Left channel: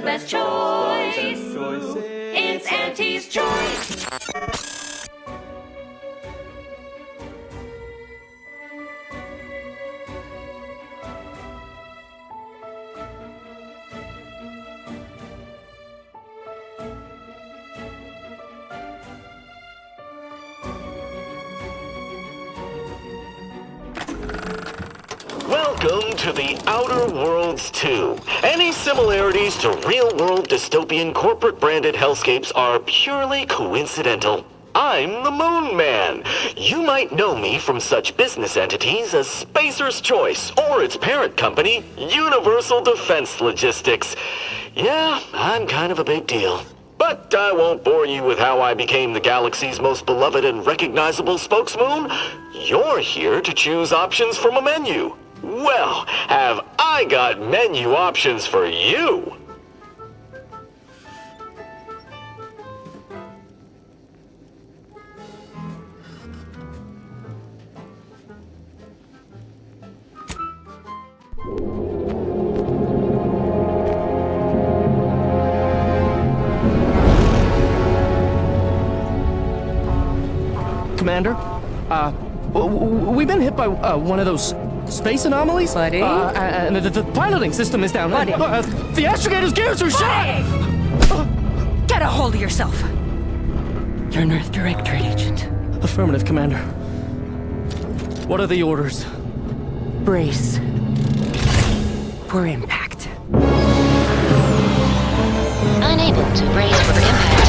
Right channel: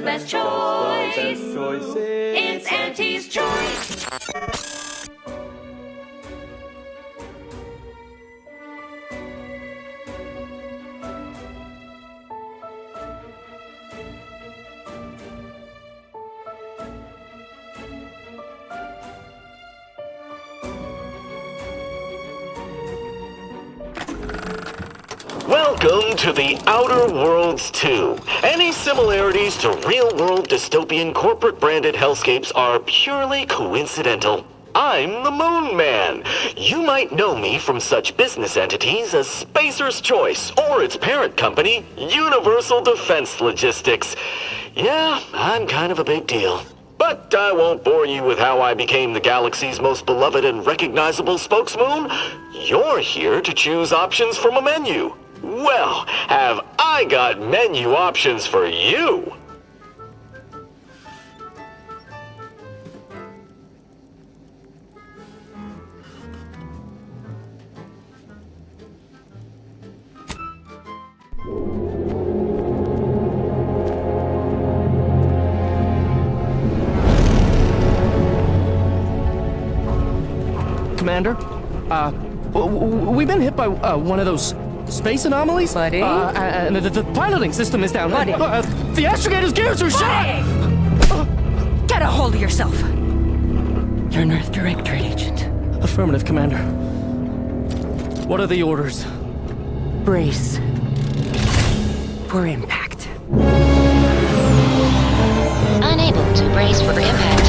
the best choice. It's Auntie's Choice. Welcome to the Outer Worlds 2. Any similarities to real-world dystopian corporate-branded hellscapes are purely coincidental. I'm the Moon Man. You might know me from such business entities as Spacer's Choice or its parent company, Universal Defense Logistics. Yeah, I'm kind of a big deal. But I won't bore you with how I became the galaxy's most beloved and recognizable spokesmoon. You're here to choose options from a menu. Well, have I got menu options for you? Commander, we've been hit by one of those space anomalies. Buddy? And the piloting system is down. Buddy? The astrogator's gears are shot! Get a hold of yourself! You're an Earth Directorate agent. Affirmative, Commander. What are the orders? Brace for impact. Unable to brace for impact.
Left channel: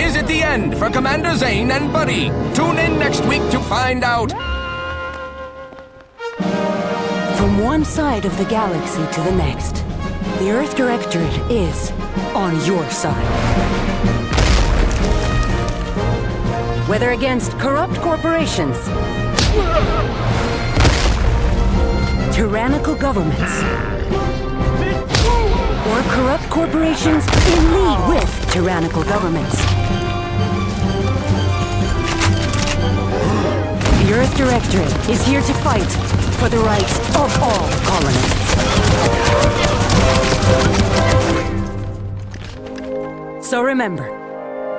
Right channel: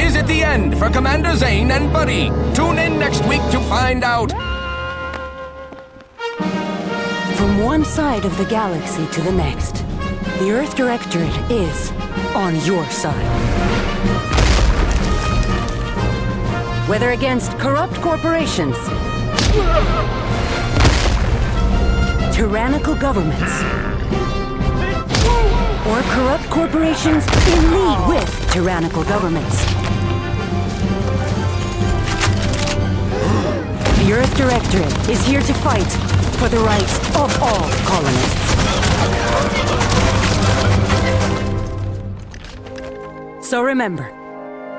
Is it the end for Commander Zane and Buddy? Tune in next week to find out. From one side of the galaxy to the next, the Earth Directorate is on your side. Whether against corrupt corporations, tyrannical governments, or corrupt corporations in league with tyrannical governments, the Earth Directorate is here to fight for the rights of all colonists. So remember,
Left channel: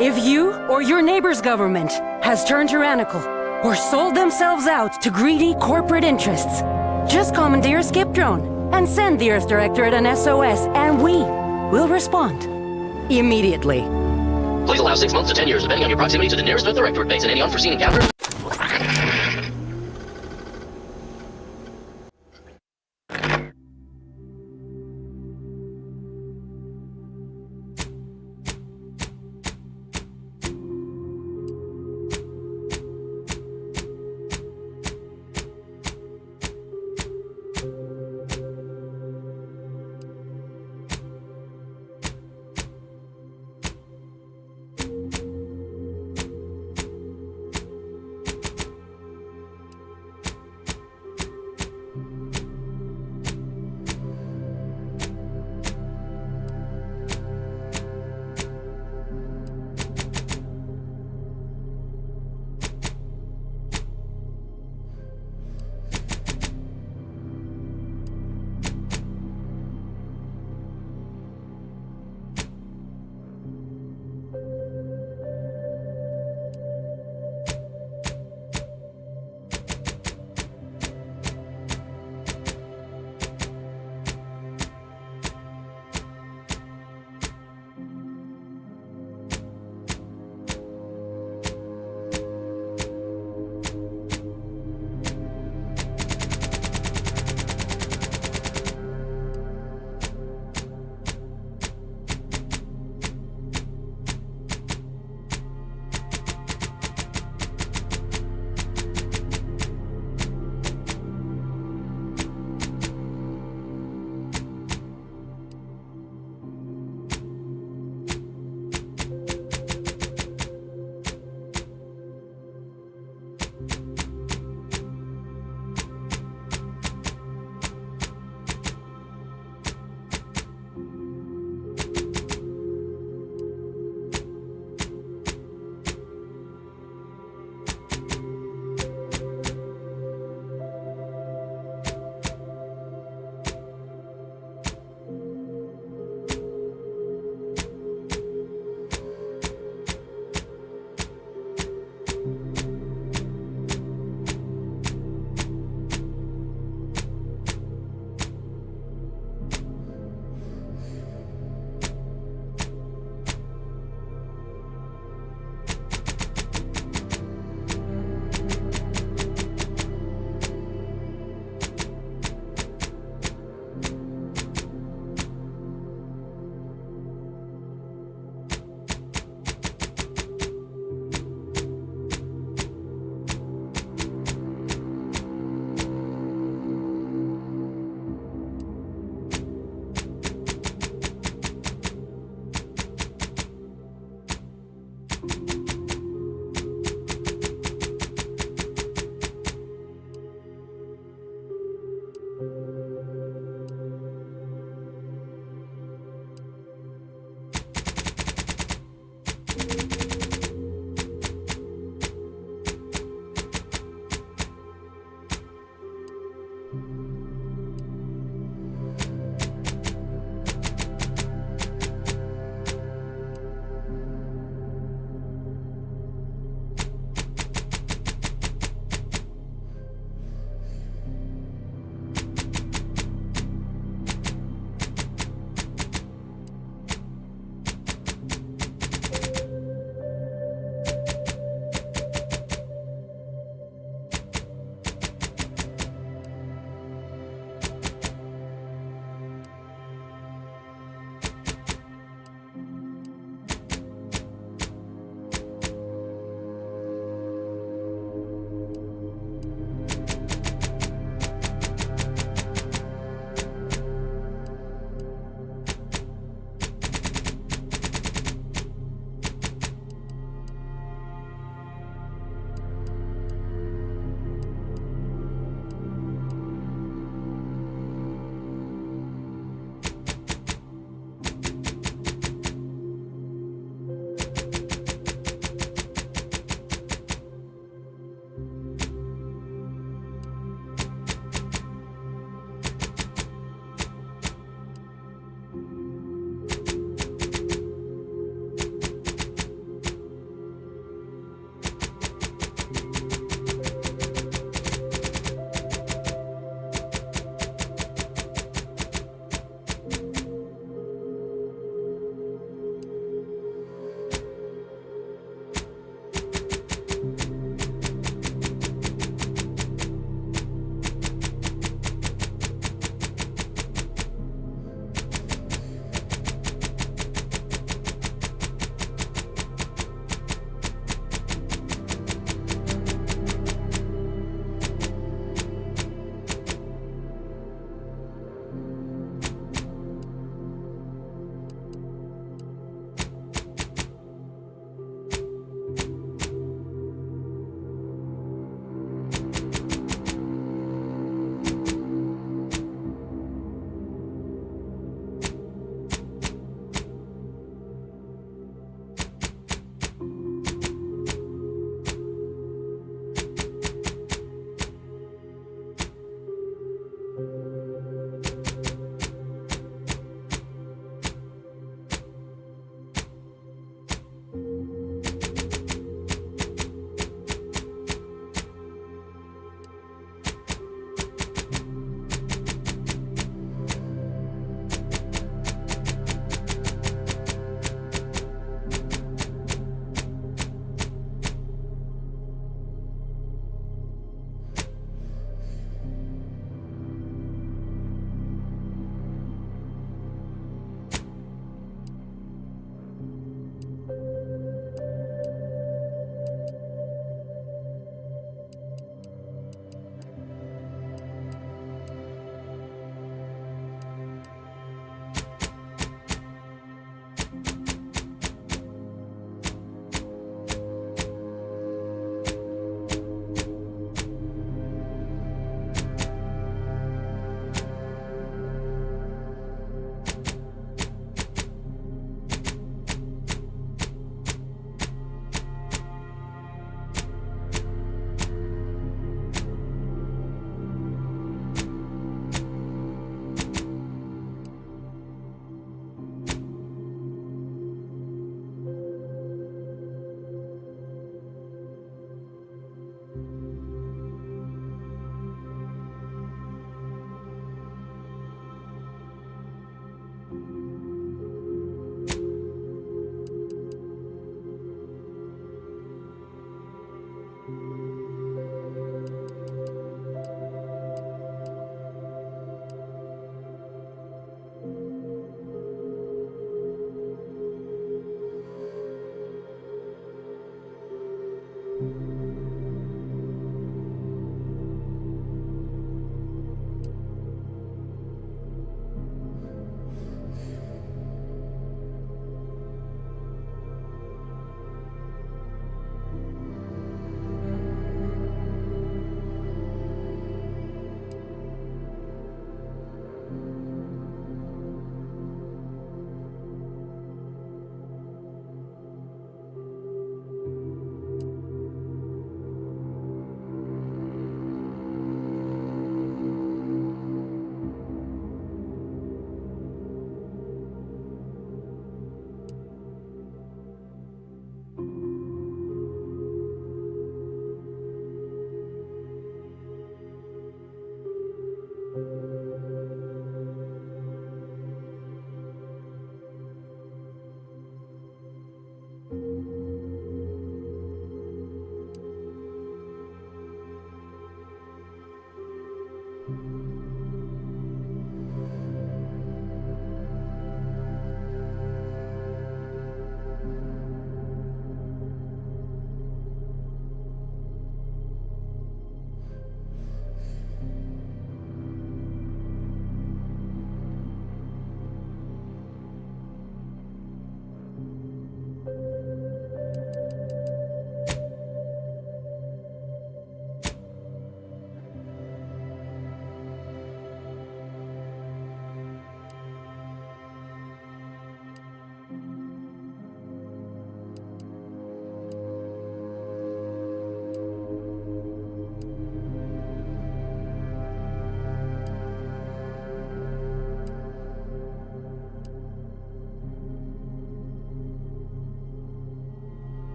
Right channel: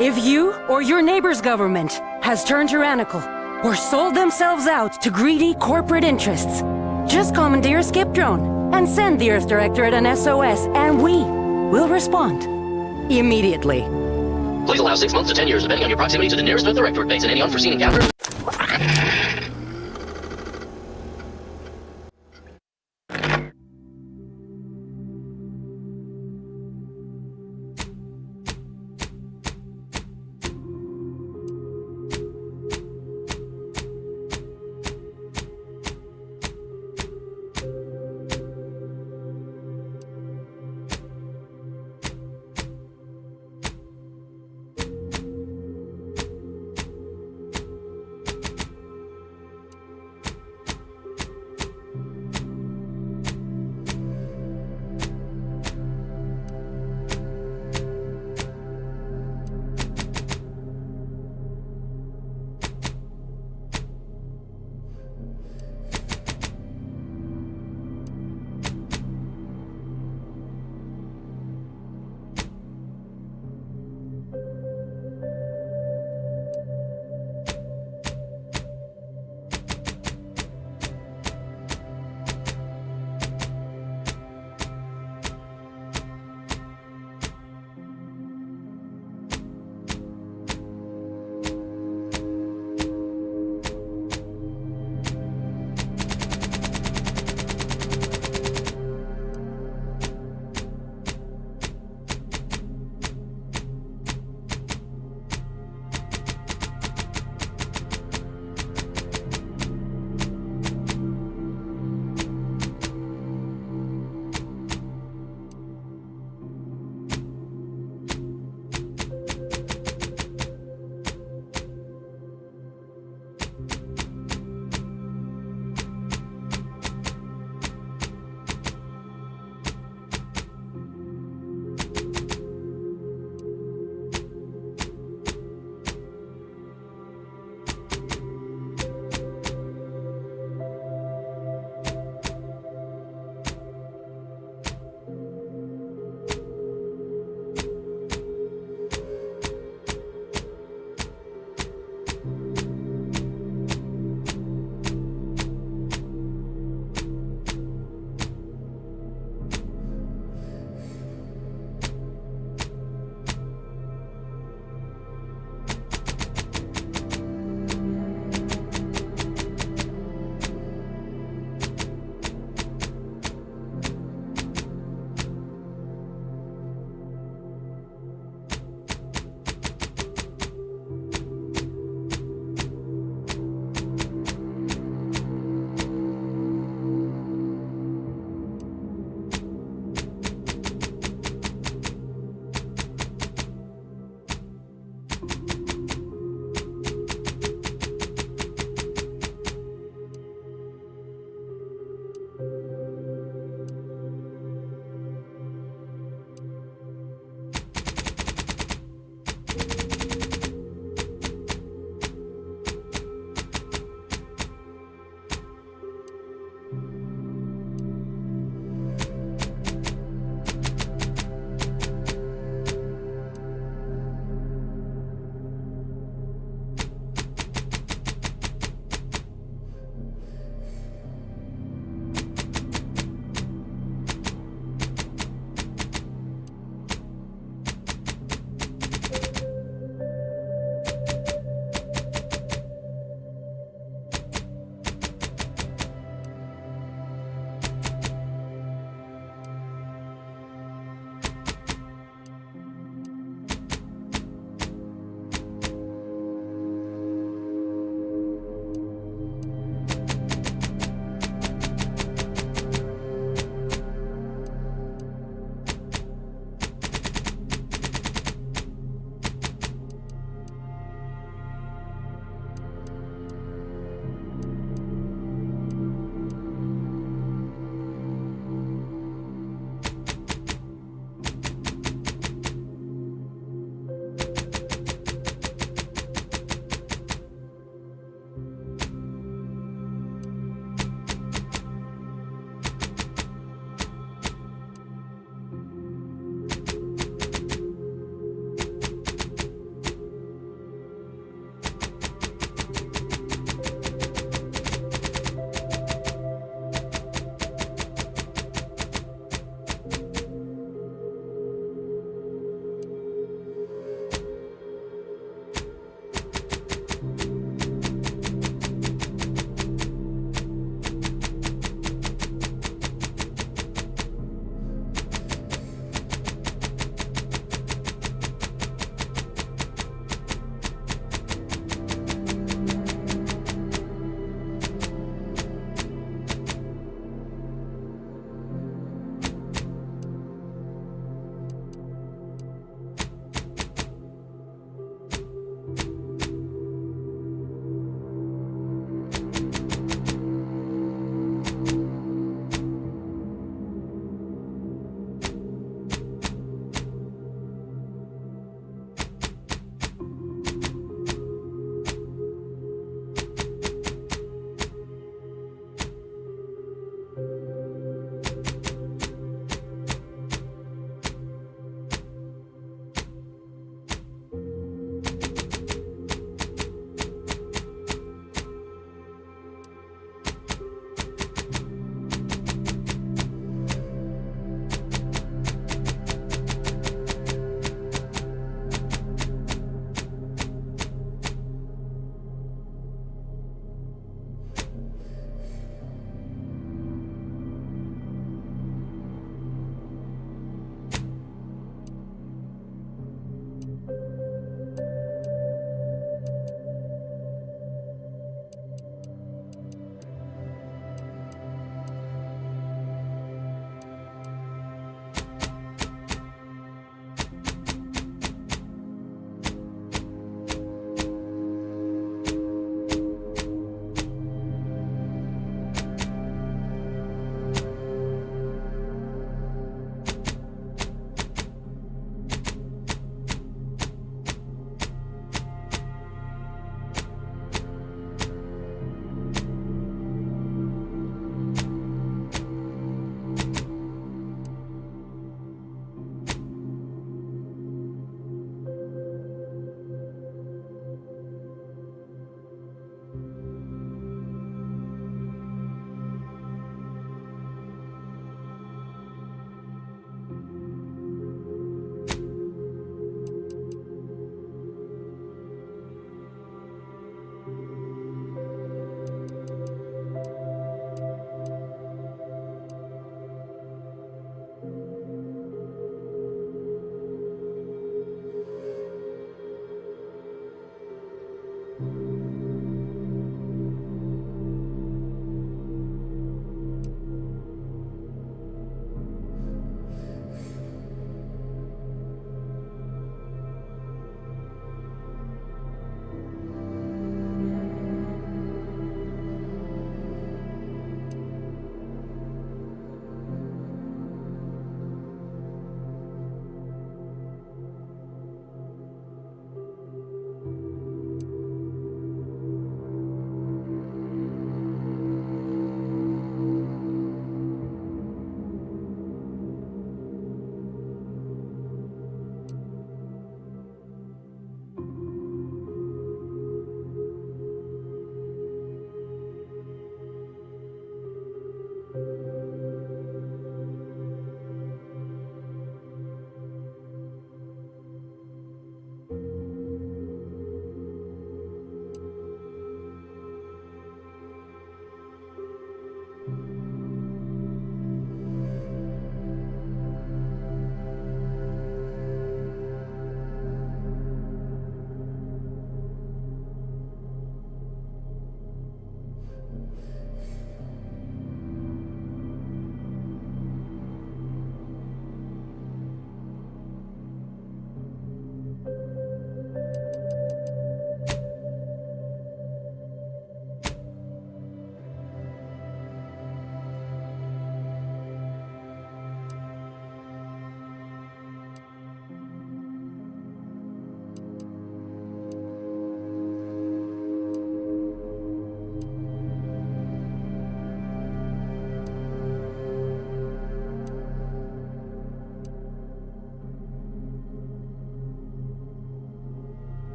if you or your neighbor's government has turned tyrannical or sold themselves out to greedy corporate interests, just commandeer a skip drone and send the Earth Directorate an SOS, and we will respond immediately. Please allow 6 months to 10 years, depending on your proximity to the nearest Earth Directorate base and any unforeseen encounters.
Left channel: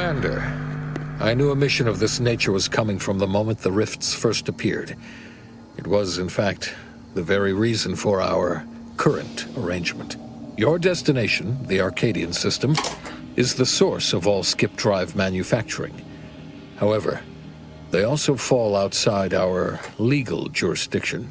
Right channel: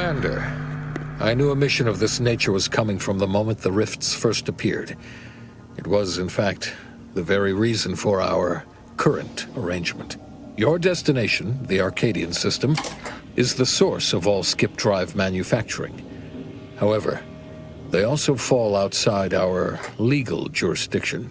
Commander, I knew a mission of this nature was coming from the moment the rifts first appeared. It was, in fact, the very reason for our current arrangement. Your destination, the Arcadian system, is the source of all skip drive manufacturing. However, they also fall outside our legal jurisdiction,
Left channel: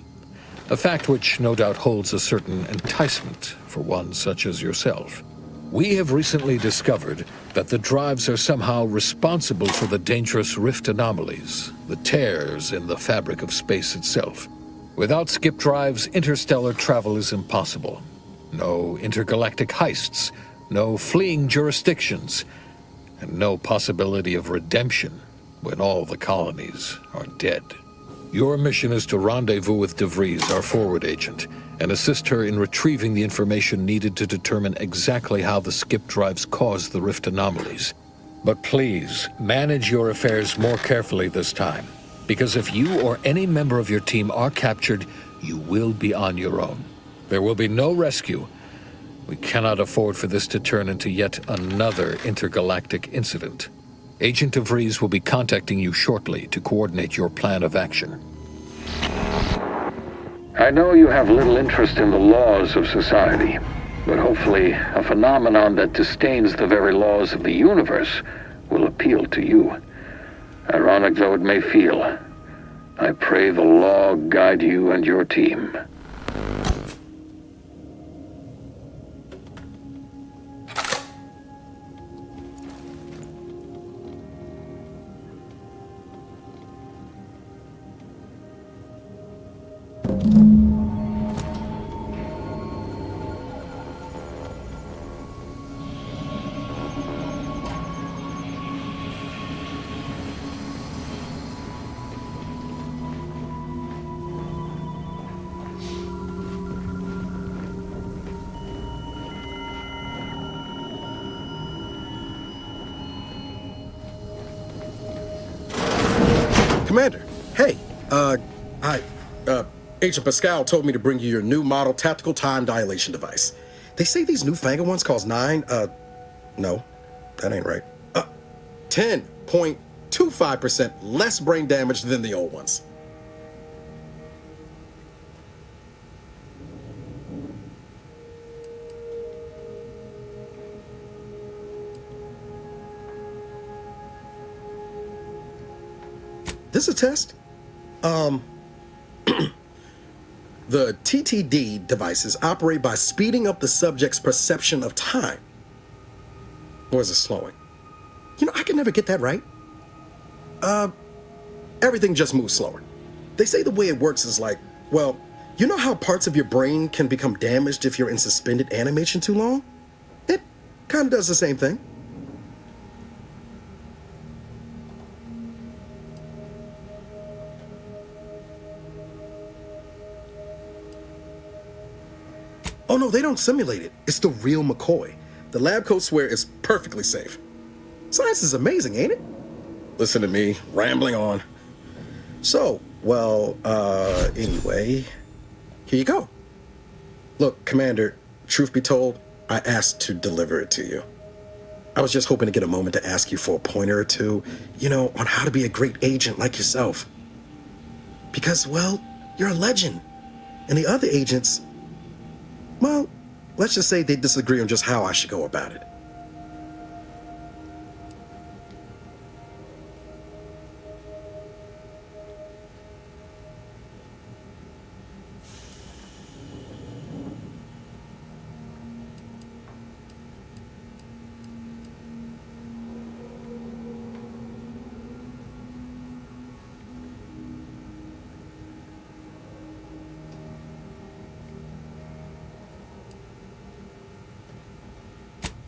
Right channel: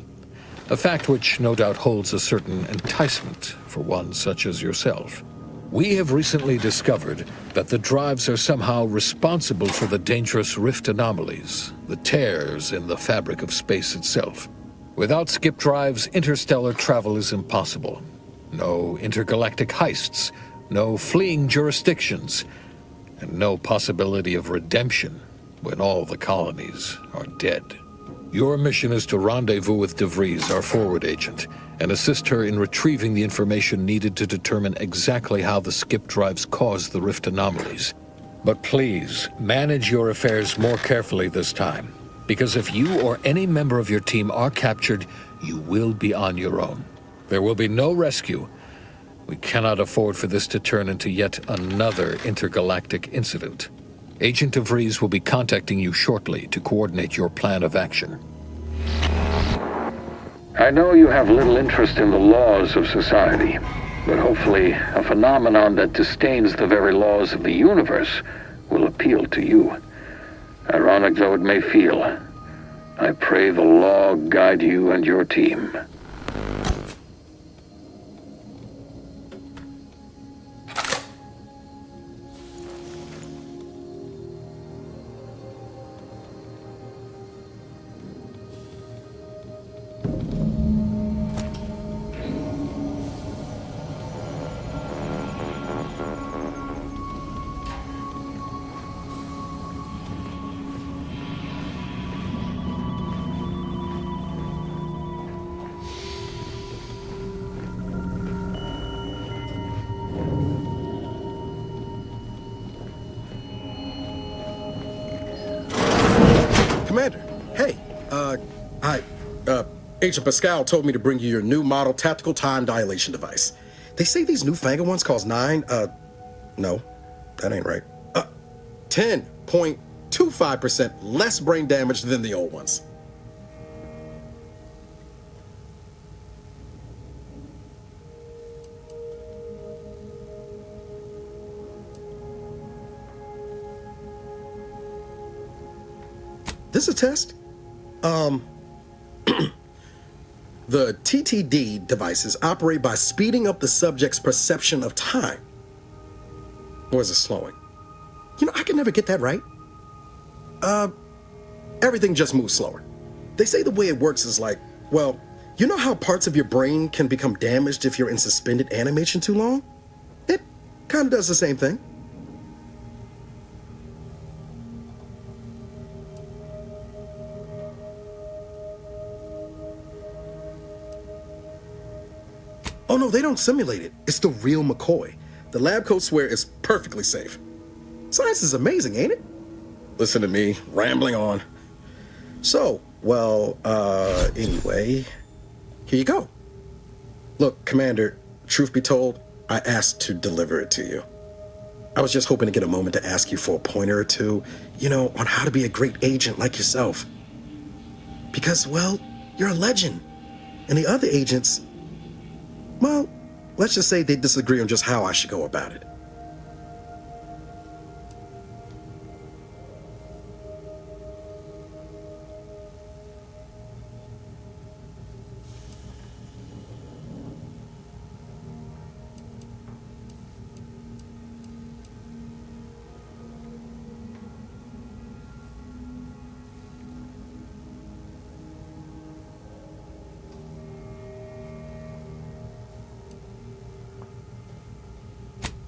a fact which no doubt holds a certain enticement for one such as yourself. We have recently discovered that the drives are somehow responsible for the dangerous rift anomalies, the tears in the fabric of space itself. Without skip drives, interstellar travel is impossible. No intergalactic heists, no fleeing jurisdictions, and no possibility of redemption when all the colonies are dead. Your mission is to rendezvous with DeVries, our forward agent, and assist her in retrieving the information needed to determine exactly how the skip drives cause the rift anomalies. But please, manage your affairs more carefully this time, because if you or any member of your team are captured, you will be on your own. There will be no rescue. We cannot afford for this to turn into yet another intergalactic incident. Agent DeVries will be contacting you shortly to coordinate your plan of action. I know you have little interest in the laws of society, but hopefully a phenomenon that disdains the very laws of the universe will appeal to you. Ironic though it may feel, I pray the law guide you and your team. Commander, hey, Agent Pascal told me to bring you your new model tactical time dilation device. They say these newfangled ones cost no, that ain't right. 10.25% less brain damage than the old ones. This is a test. The TTD devices operate by speeding up the subject's perception of time. Or is it slowing? You know, I can never get that right. Everything just moves slower. They say the way it works is like, well, you know how parts of your brain can become damaged if you're in suspended animation too long? It kind of does the same thing. Oh no, they don't simulate it. It's the real McCoy. The lab coats swear it's perfectly safe. Science is amazing, ain't it? Listen to me, rambling on. So, well, anyway, here you go. Look, Commander, truth be told, I asked to deliver it to you. I was just hoping to get a moment to ask you for a pointer or two, you know, on how to be a great agent like yourself. Because, well, you're a legend. And the other agents, well, let's just say they disagree on just how I should go about it.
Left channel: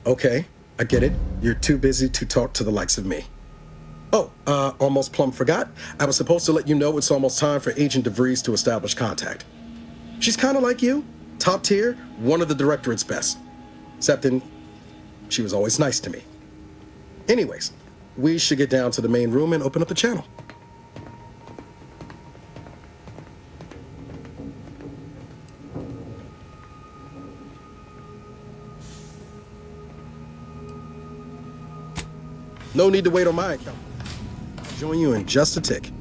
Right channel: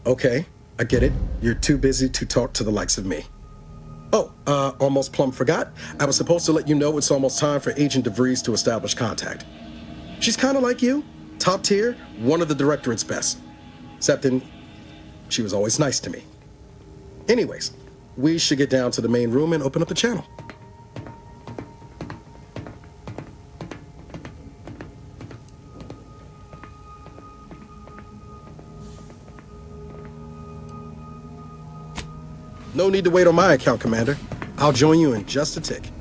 Okay, I get it. You're too busy to talk to the likes of me. Oh, almost plumb forgot. I was supposed to let you know it's almost time for Agent DeVries to establish contact. She's kind of like you, top tier, one of the Directorate's best. Except then, she was always nice to me. Anyways, we should get down to the main room and open up the channel. No need to wait on my account, Commander. I'll join you in just a tick.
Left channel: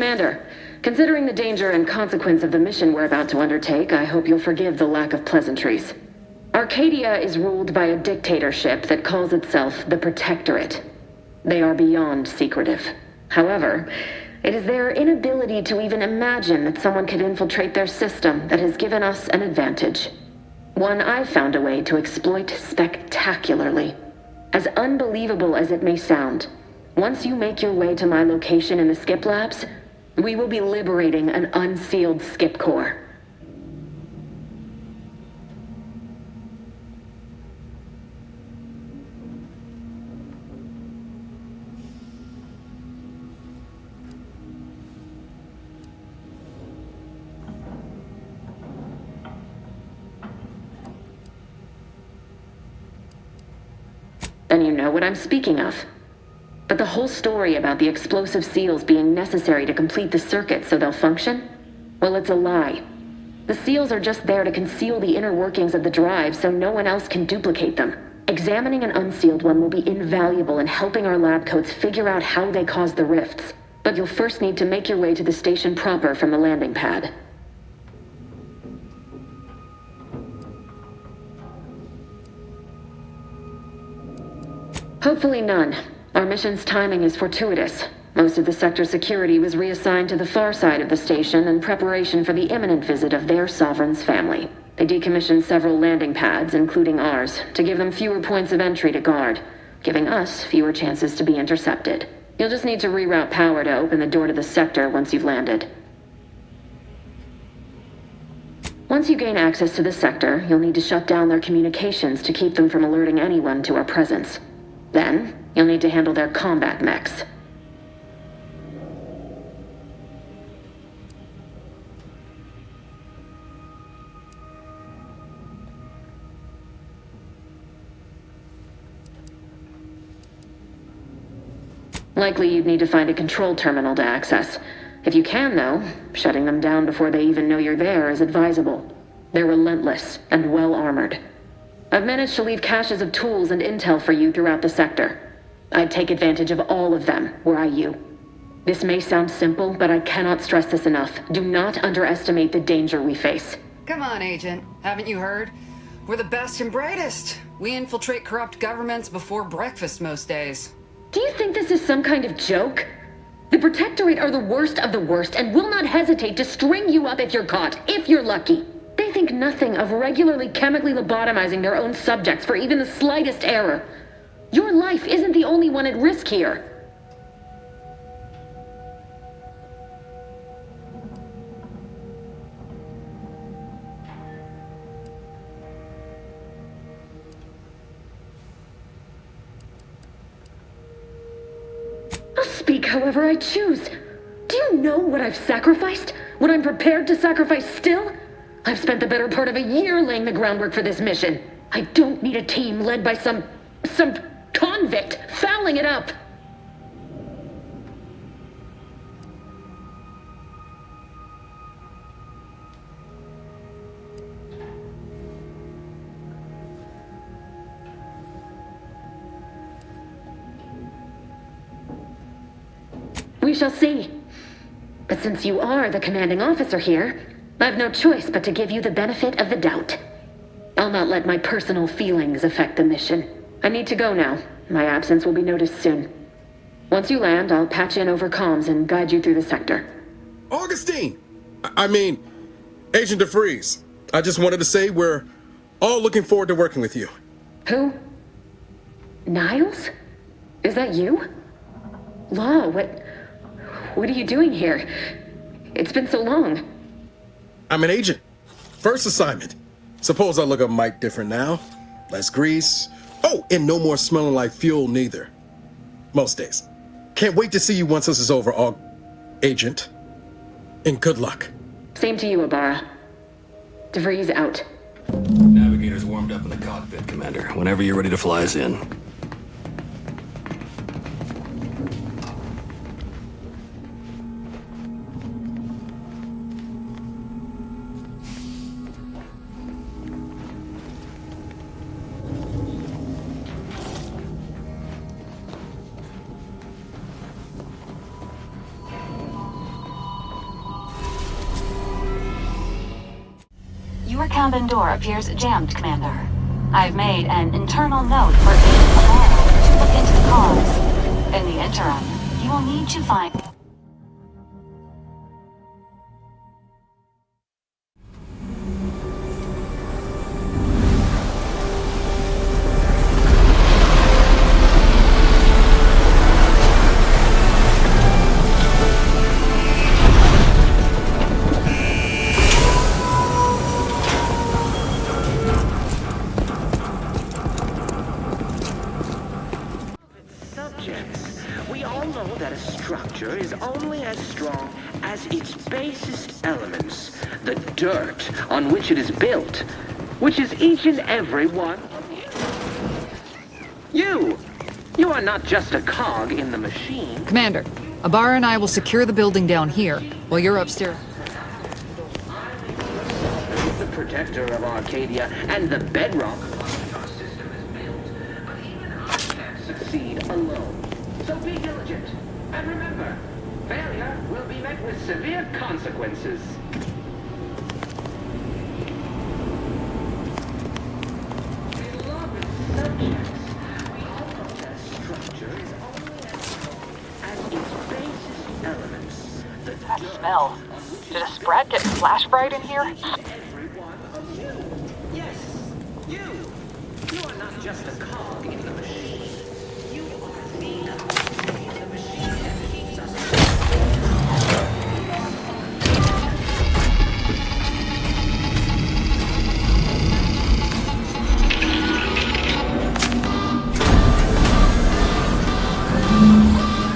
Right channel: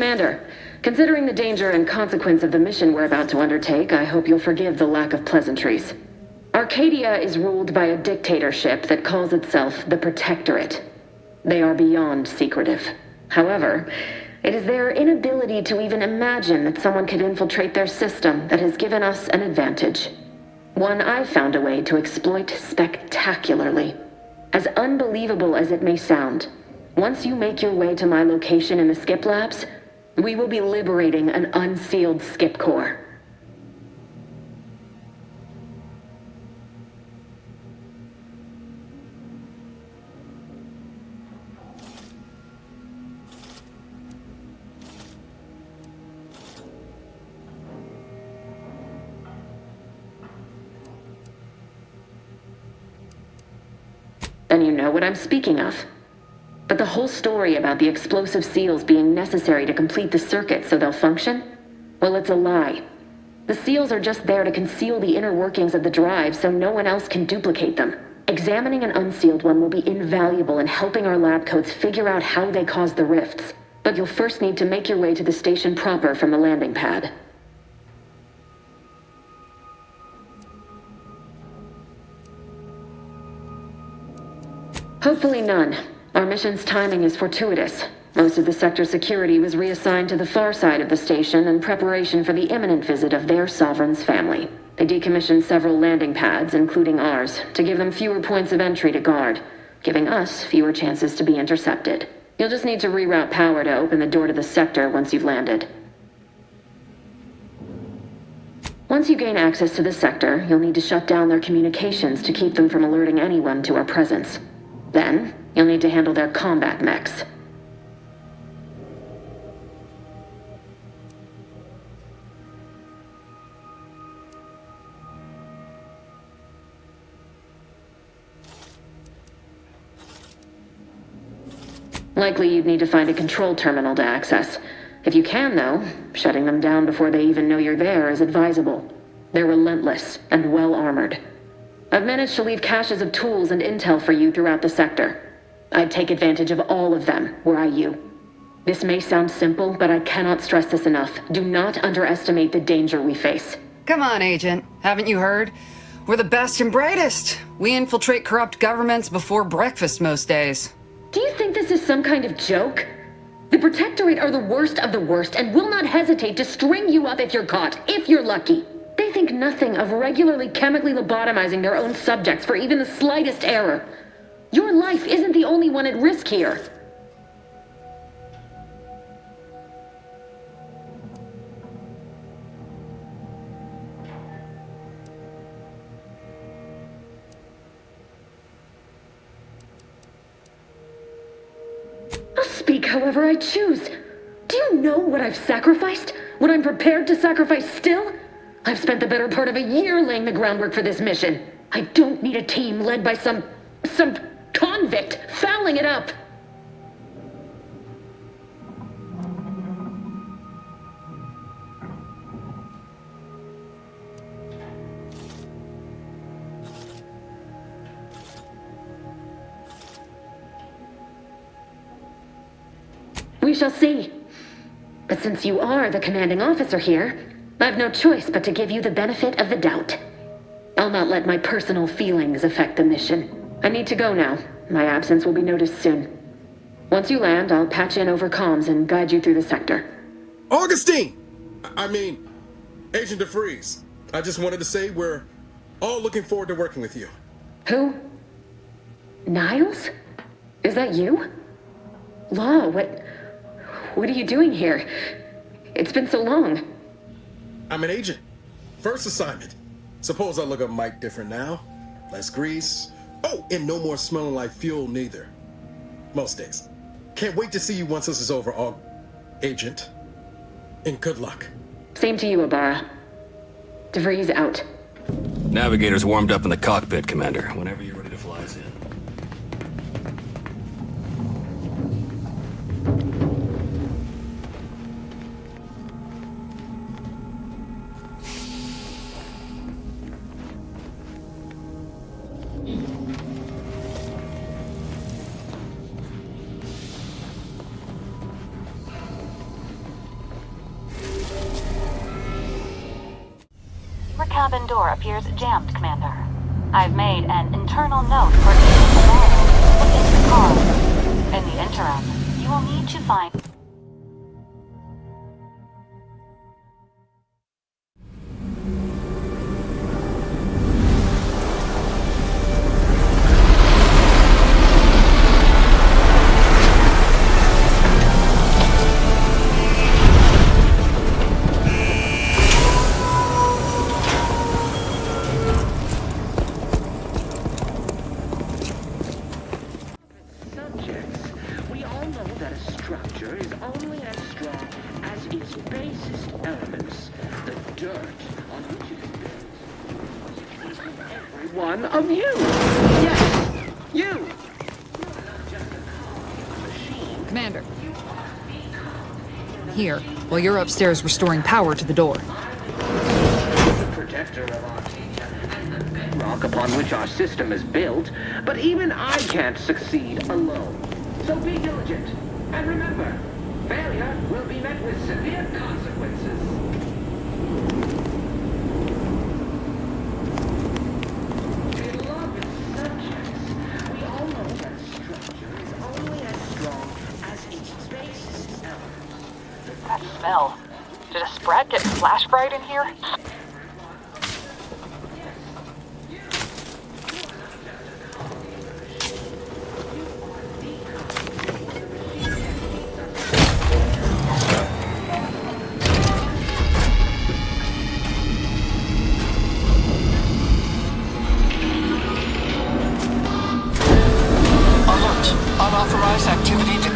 Commander, considering the danger and consequence of the mission we're about to undertake, I hope you'll forgive the lack of pleasantries. Arcadia is ruled by a dictatorship that calls itself the Protectorate. They are beyond secretive. However, it is their inability to even imagine that someone could infiltrate their system that has given us an advantage. One I've found a way to exploit spectacularly. As unbelievable as it may sound, once you make your way to my location in the Skip Labs, we will be liberating an unsealed Skip core. Then you know what I'm speaking of. But the whole story about the explosive seals being necessary to complete the circuit so they'll function? Well, it's a lie. The seals are just there to conceal the inner workings of the drive so no one else can duplicate them. Examining an unsealed one will be invaluable in helping our lab coats figure out how they cause the rifts. But you'll first need to make your way to the station proper from the landing pad. Hopefully none. Our mission's timing is fortuitous. Most of the sector's security was reassigned to the far side of the station in preparation for the imminent visit of their sovereign's family. They decommissioned several landing pads, including ours, to give them fewer points of entry to guard, giving us fewer chances to be intercepted. You'll just need to reroute power to open the door to the sector once you've landed. Once you gain access to the sector, you'll need to shut down their communications to keep them from alerting anyone to our presence. Then, you'll need to handle their combat mechs. Likely you'd need to find a control terminal to access. If you can, though, shutting them down before they even know you're there is advisable. They're relentless and well-armored. I've managed to leave caches of tools and intel for you throughout the sector. I'd take advantage of all of them, were I you. This may sound simple, but I cannot stress this enough. Do not underestimate the danger we face. Come on, Agent. Haven't you heard? We're the best and brightest. We infiltrate corrupt governments before breakfast most days. Do you think this is some kind of joke? The Protectorate are the worst of the worst and will not hesitate to string you up if you're caught, if you're lucky. They think nothing of regularly chemically lobotomizing their own subjects for even the slightest error. Your life isn't the only one at risk here. I'll speak however I choose. Do you know what I've sacrificed? What I'm prepared to sacrifice still? I've spent the better part of a year laying the groundwork for this mission. I don't need a team led by some convict fouling it up. We shall see. But since you are the commanding officer here, I've no choice but to give you the benefit of the doubt. I'll not let my personal feelings affect the mission. I need to go now. My absence will be noticed soon. Once you land, I'll patch in over comms and guide you through the sector. Augustine! I mean, Agent DeFreeze. I just wanted to say we're all looking forward to working with you. Who? Niles? Is that you? Law, what are you doing here? It's been so long. I'm an agent. First assignment. Suppose I look a mite different now. Less grease. Oh, and no more smelling like fuel neither. Most days. Can't wait to see you once this is over, Agent. And good luck. Same to you, Ibarra. DeVries out. Navigator's warmed up in the cockpit, Commander. Whenever you're ready to fly us in. Your cabin door appears jammed, Commander. I've made an internal note for Agent Ibarra to look into the cause. In the interim, you will need to find... We all know that a structure is only as strong as its basest elements, the dirt on which it is built, which is each and every one of you. Yes, you! You are not just a cog in the machine. Commander, Ibarra and I will secure the building down here, while you're upstairs restoring power to the door. The protector of Arcadia and the bedrock upon which our system is built, but even I can't succeed alone. So be diligent, and remember, failure will be met with severe consequences. Beloved subjects, we all know that a structure is only as strong as its basest elements. That smell. Did a Sprat get flash fried in here?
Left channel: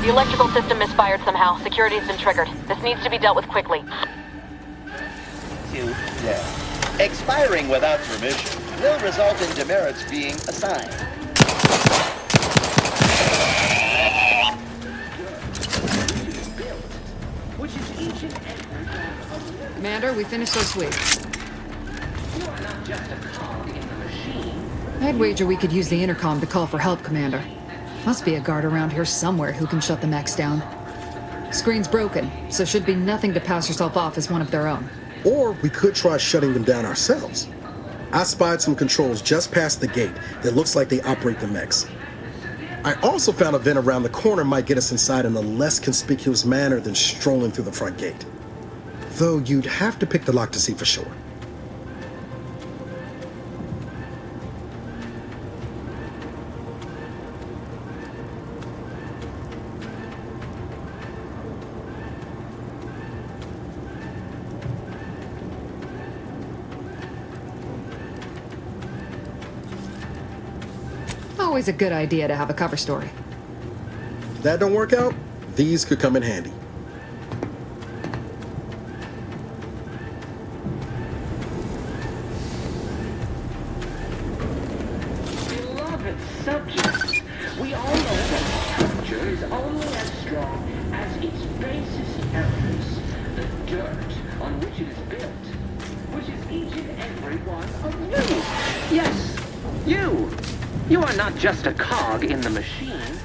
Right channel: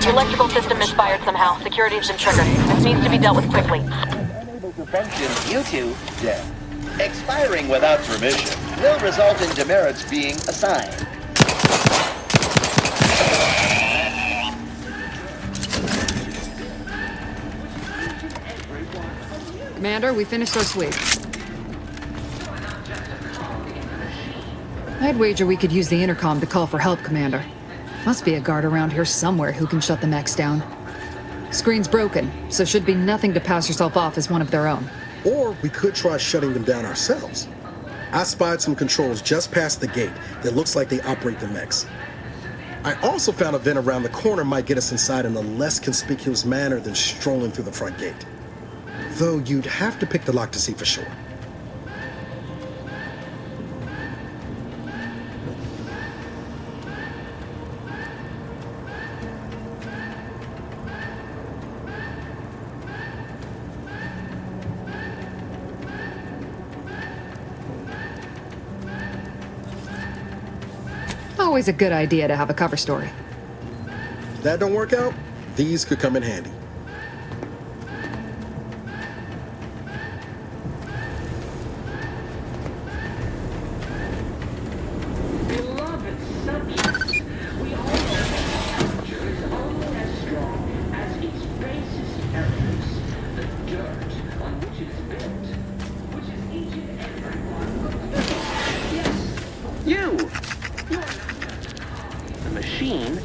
The electrical system misfired somehow. Security has been triggered. This needs to be dealt with quickly. Due to death. Expiring without permission will result in demerits being assigned. Commander, we finished our sweep. I'd wager we could use the intercom to call for help, Commander. Must be a guard around here somewhere who can shut the mechs down. Screen's broken, so should be nothing to pass yourself off as one of their own. Or we could try shutting them down ourselves. I spied some controls just past the gate that looks like they operate the mechs. I also found a vent around the corner might get us inside in a less conspicuous manner than strolling through the front gate. Though you'd have to pick the lock to see for sure. Always a good idea to have a cover story. If that don't work out, these could come in handy. Beloved subjects, we all know that structure is only as strong as its basest elements, the dirt on which it is built, which is each and every one of you. Yes, you! You are not just a cog in the machine.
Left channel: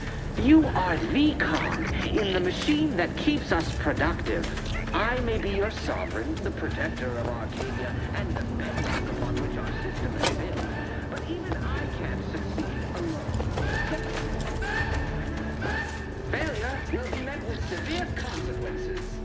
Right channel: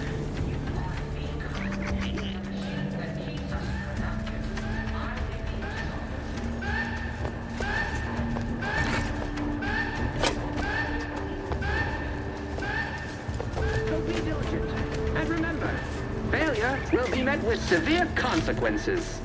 You are the cog in the machine that keeps us productive. I may be your sovereign, the protector of our people, and the pedestal on which our system is built. But even I can't succeed. So be diligent. And remember, failure will be met with severe consequences.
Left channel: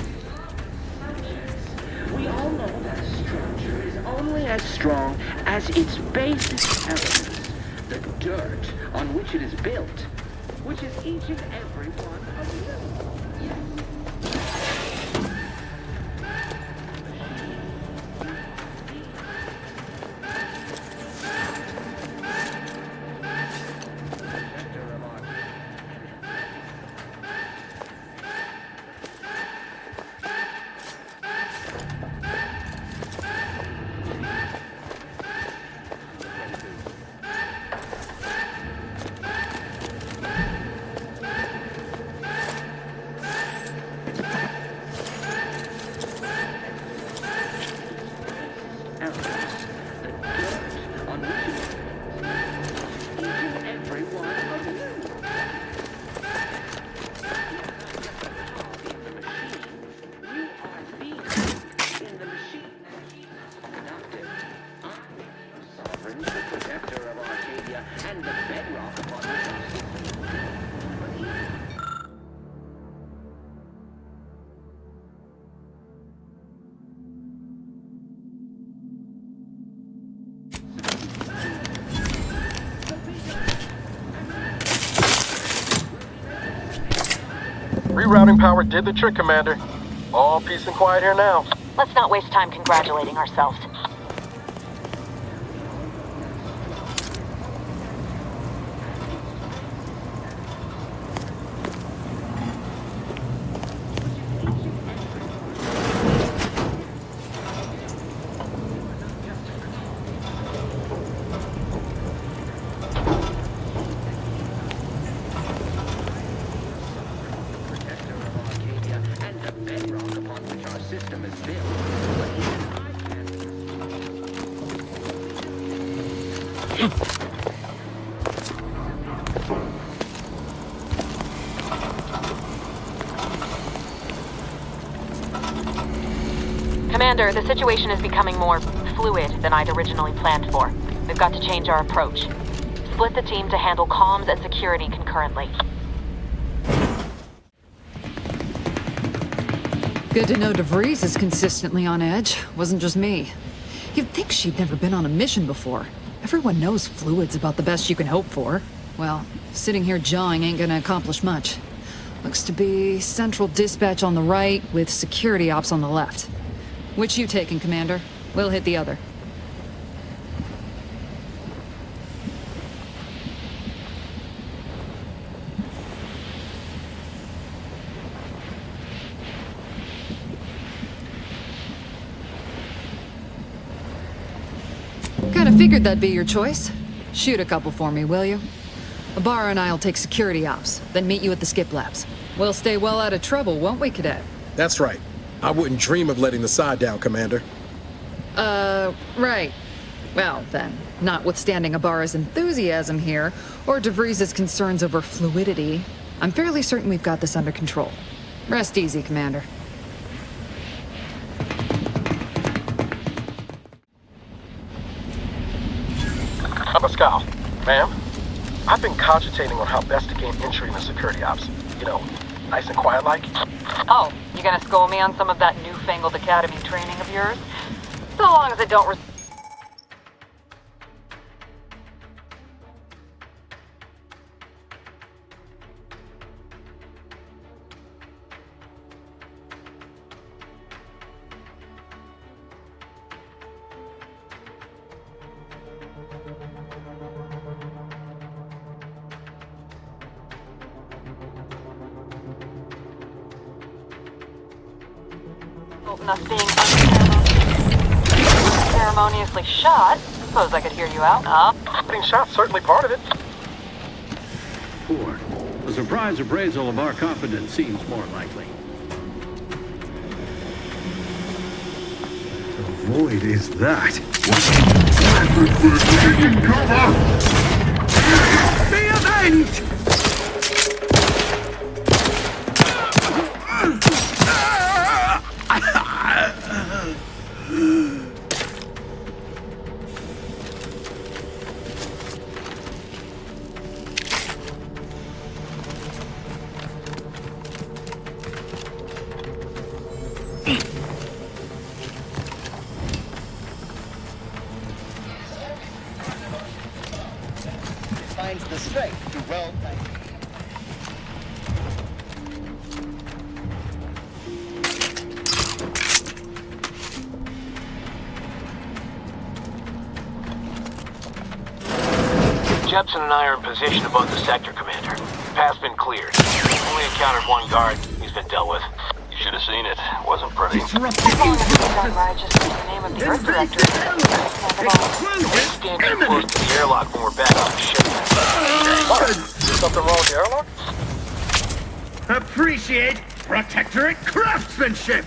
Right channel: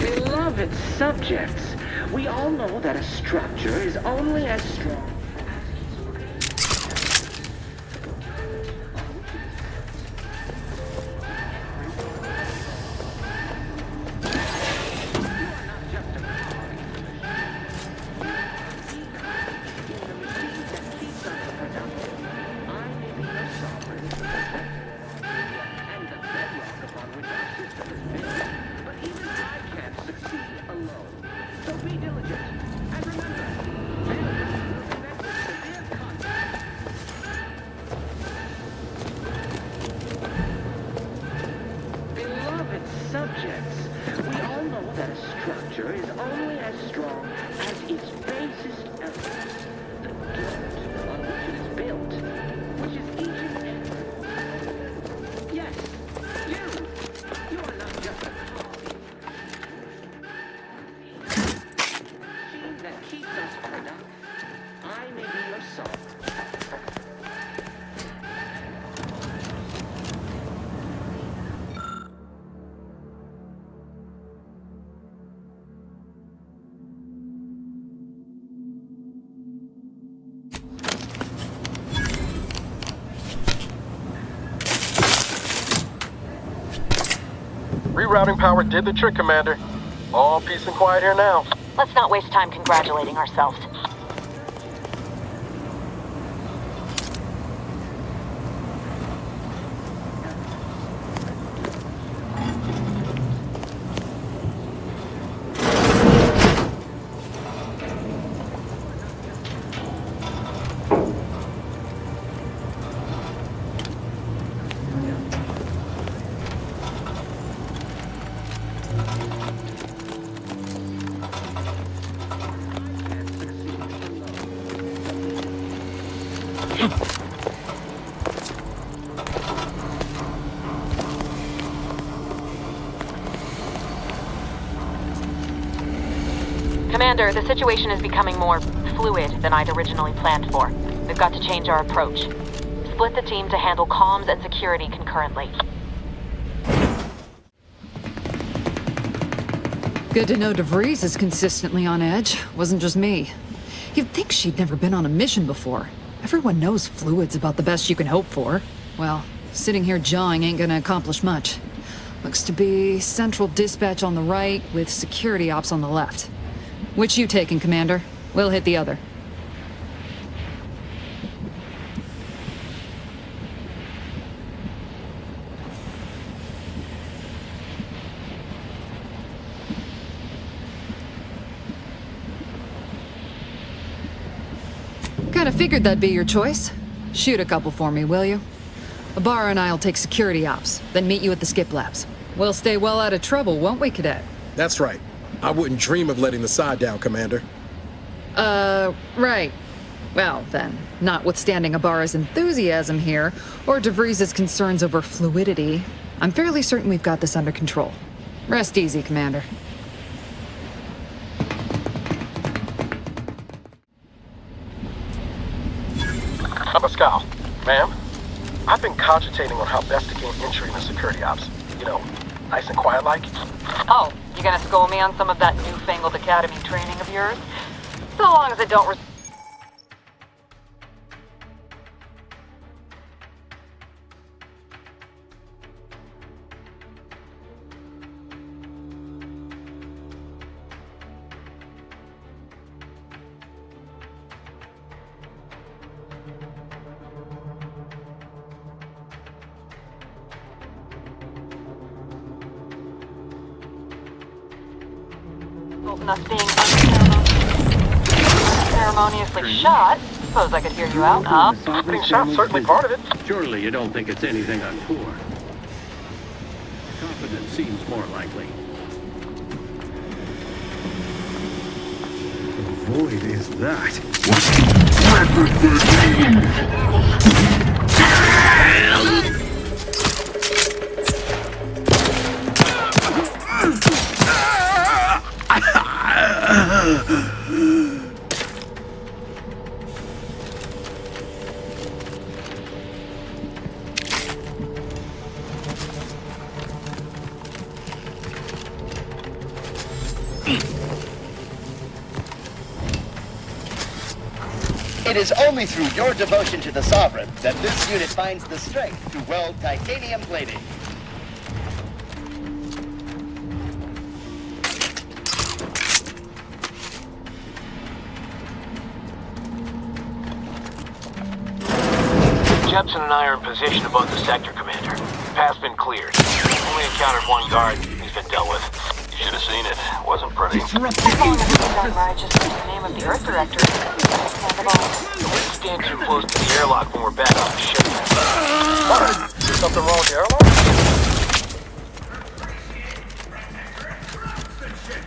Beloved subjects, we all know that a structure is only as strong as its basic elements, the dirt on which it is built, which is each and every one of Rerouting power did the trick, Commander. All peace and quiet here now. Let's not waste time congratulating ourselves. Commander, the situation is becoming more fluid than I'd originally planned for. We've got to change our approach. Split the team to handle comms and security concurrently. Good to know DeVries is consistently on edge. Wasn't just me. You'd think she'd never been on a mission before. Everyone knows fluid's about the best you can hope for. Well, sitting here jawing ain't gonna accomplish much. Looks to be central dispatch on the right with security ops on the left. Which you taking, Commander? We'll hit the other. Kinda figured that'd be your choice. Shoot a couple for me, will you? Ibarra and I'll take security ops, then meet you at the skip labs. We'll stay well out of trouble, won't we, Cadet? That's right. I wouldn't dream of letting the side down, Commander. Right. Well, then, notwithstanding Ibarra's enthusiasm here, or DeVries' concerns over fluidity, I'm fairly certain we've got this under control. Rest easy, Commander. Pascal, ma'am, I've been cogitating on how best to gain entry in the security ops. You know, nice and quiet like. Oh, you gonna school me on some of that newfangled academy training of yours? So long as it don't us being unceremoniously shot. Suppose I could hear you out, huh? Being shot's certainly part of it. Surely you don't think it's anything untoward. The surprise appraisal of our confidence seems more likely. The void is that. It is only through your devotion to the Sovereign that this unit finds the strength to weld titanium plating. Jepson and I are in position above the sector, Commander. Path's been cleared. Only encountered one guard. He's been dealt with. You should have seen it. Wasn't pretty. As long as it's done right, just the name of the Earth Director. We stand too close to the airlock when we're back on the ship. What? Is something wrong with the airlock? Appreciate protectorate craftsmanship!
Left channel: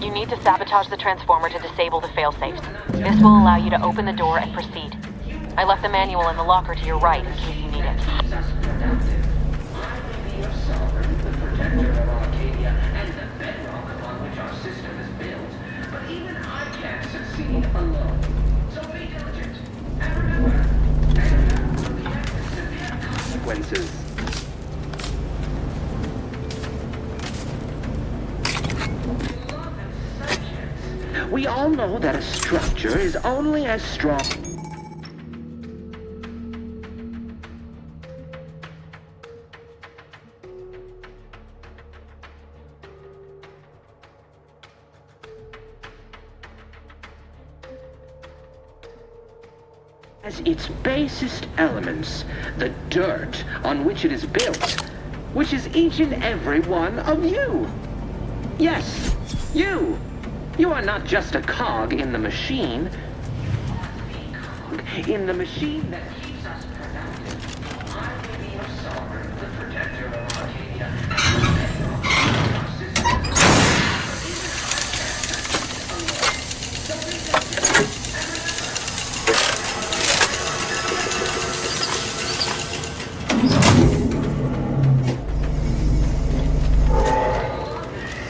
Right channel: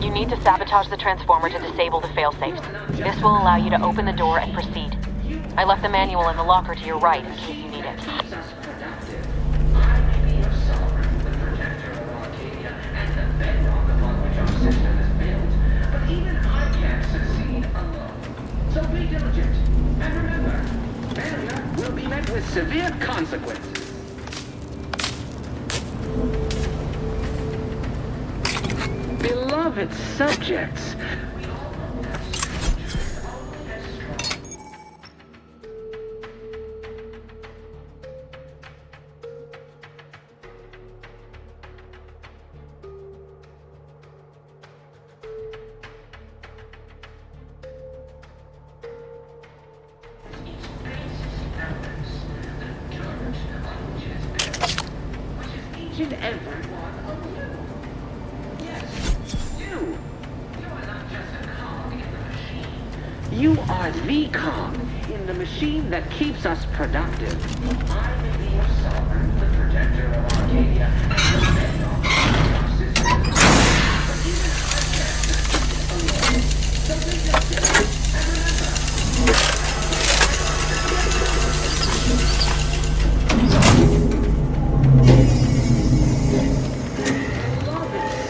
You need to sabotage the transformer to disable the failsafes. This will allow you to open the door and proceed. I left the manual in the locker to your right in case you need it. Severe consequences. Beloved subjects, we all know that a structure is only as strong as its basest elements, the dirt on which it is built, which is each and every one of you. Yes, you. You are not just a cog in the machine. You are the cog in the machine that keeps us productive. I may be your sovereign, the protector of Arcadia, and the bedrock of our system. But even I can't succeed alone. So be diligent, and remember,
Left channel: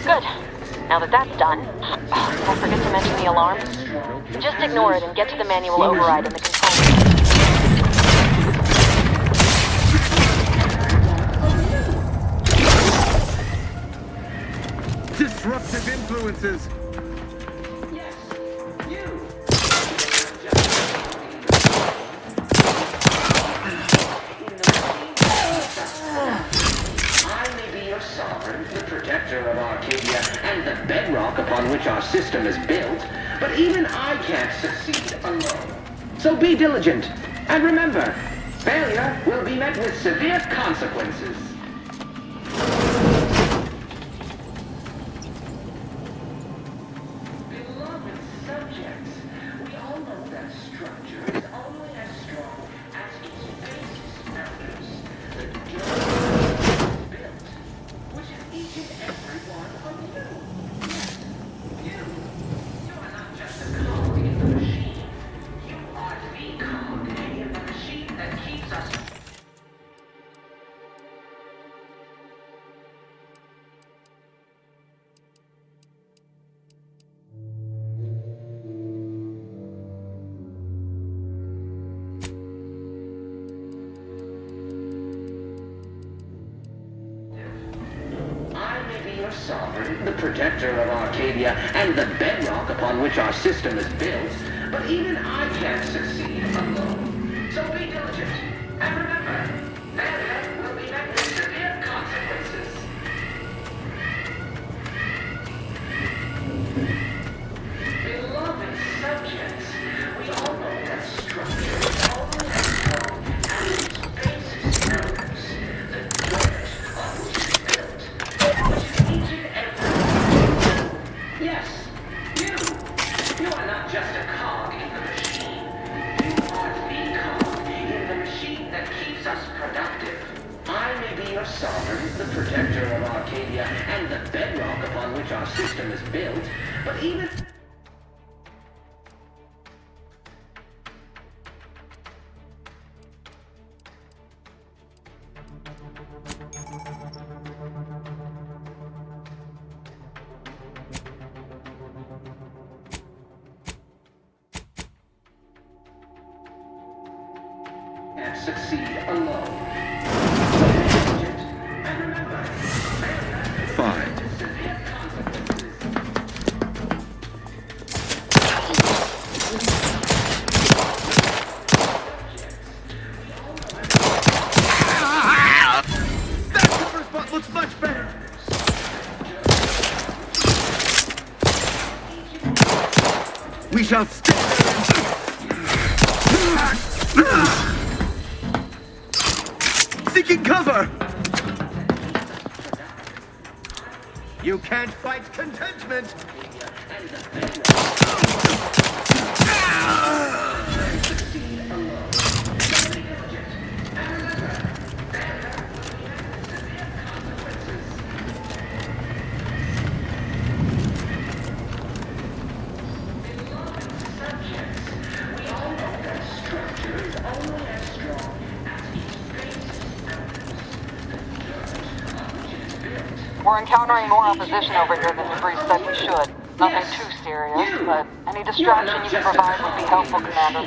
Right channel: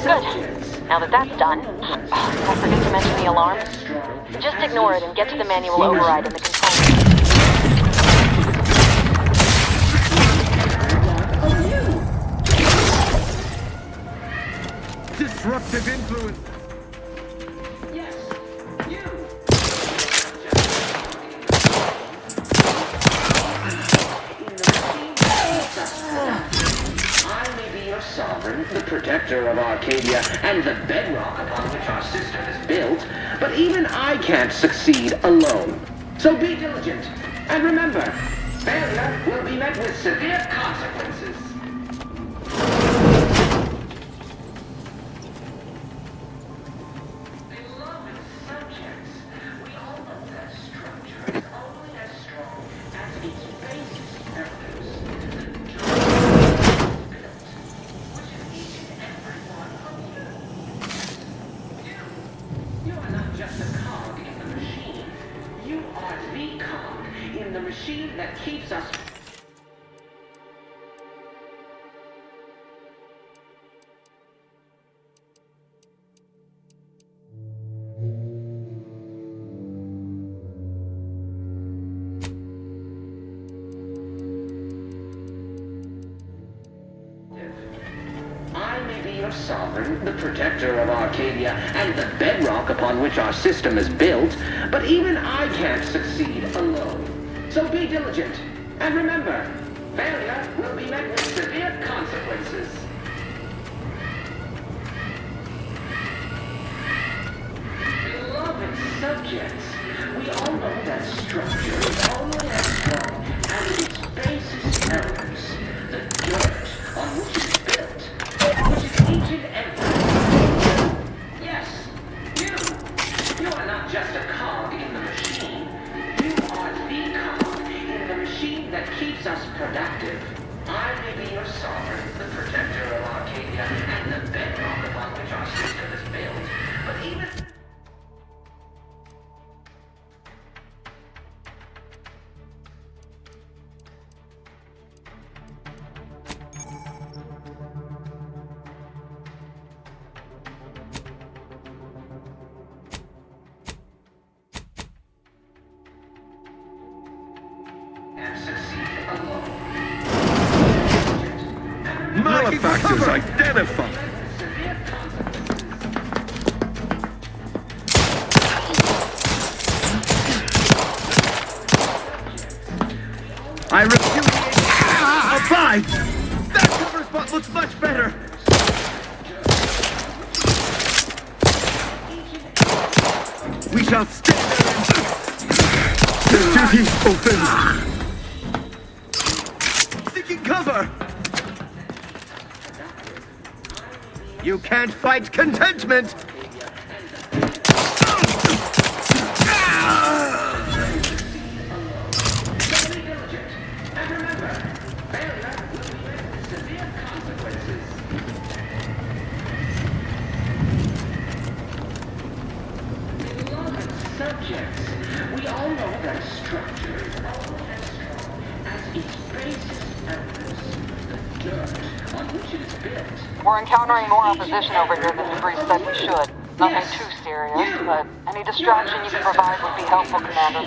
Good. Now that that's done, did I forget to mention the alarm? Just ignore it and get to the manual override in the control room. Disruptive influences. yes, you. I may be your sovereign, the protector of Arcadia, and the bedrock upon which our system is built, but even I can't succeed alone. So be diligent, and remember, failure will be met with severe consequences. Beloved subjects, we all know that structure is only as strong as its basis members. The built, which is each and every one of you. You are not just a cog in the machine. You are the cog in the machine that keeps us. I may be your sovereign, the protector of Arcadia, and the bedrock upon which our system is built, but even I can't succeed alone. So be diligent, and remember, failure will be met with severe consequences. Beloved subjects, we all know that structure is only as strong as its basis elements, the dirt on which it's built, which is each and every. Yes, you are not just a cog in the machine. You are the cog in the machine that keeps us productive. I may be your sovereign, the protector of Arcadia, and the bedrock upon which our system is built, but even... and succeed alone. Malefactors identified. I refuse. I tried. That cover spot looks much better. We shall stay there and duty fulfilled. Seeking cover! You can't fight contentment! Subjects, we all know that structure is only as strong as its basis elements, the dirt on which it is built. We're encountering more opposition over here than Debris said we should. Nothing too serious, but any distraction you can provide would be helpful, Commander.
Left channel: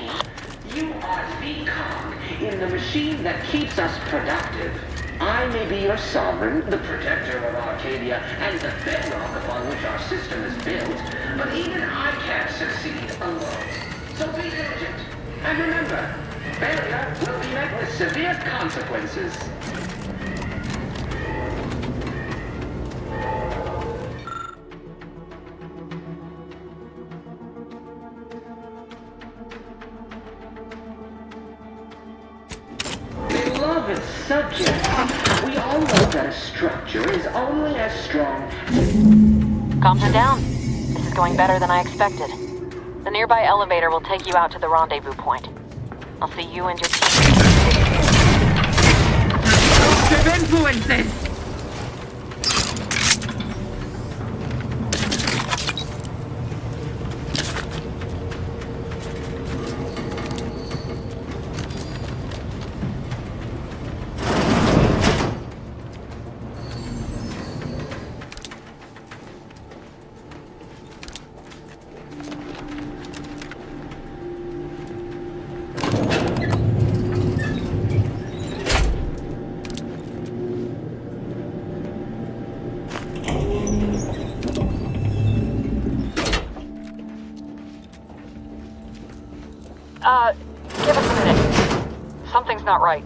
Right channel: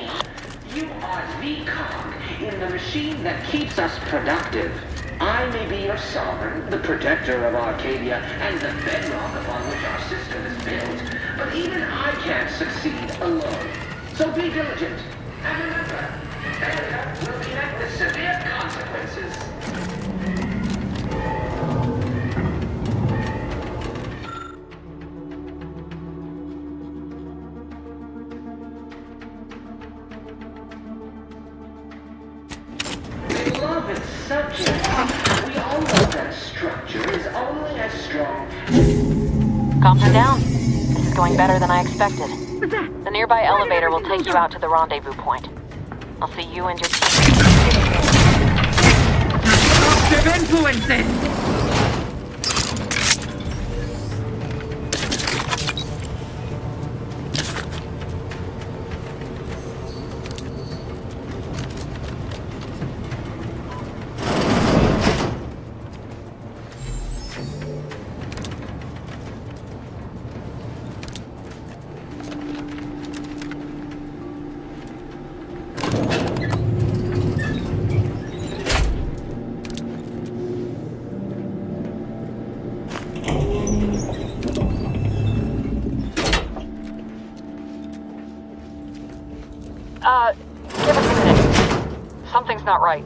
You are the cog in the machine that keeps us productive. I may be your sovereign, the protector of Arcadia, and the bedrock upon which our system is built, but even I can't succeed alone. So be diligent, and remember, failure will be met with severe consequences. Beloved subject, we all know that a structure is only as strong. Comms are down. This is going better than I expected. The nearby elevator will take you out to the rendezvous point. I'll see you and your team. destructive influences! Give us a minute. Something's not right.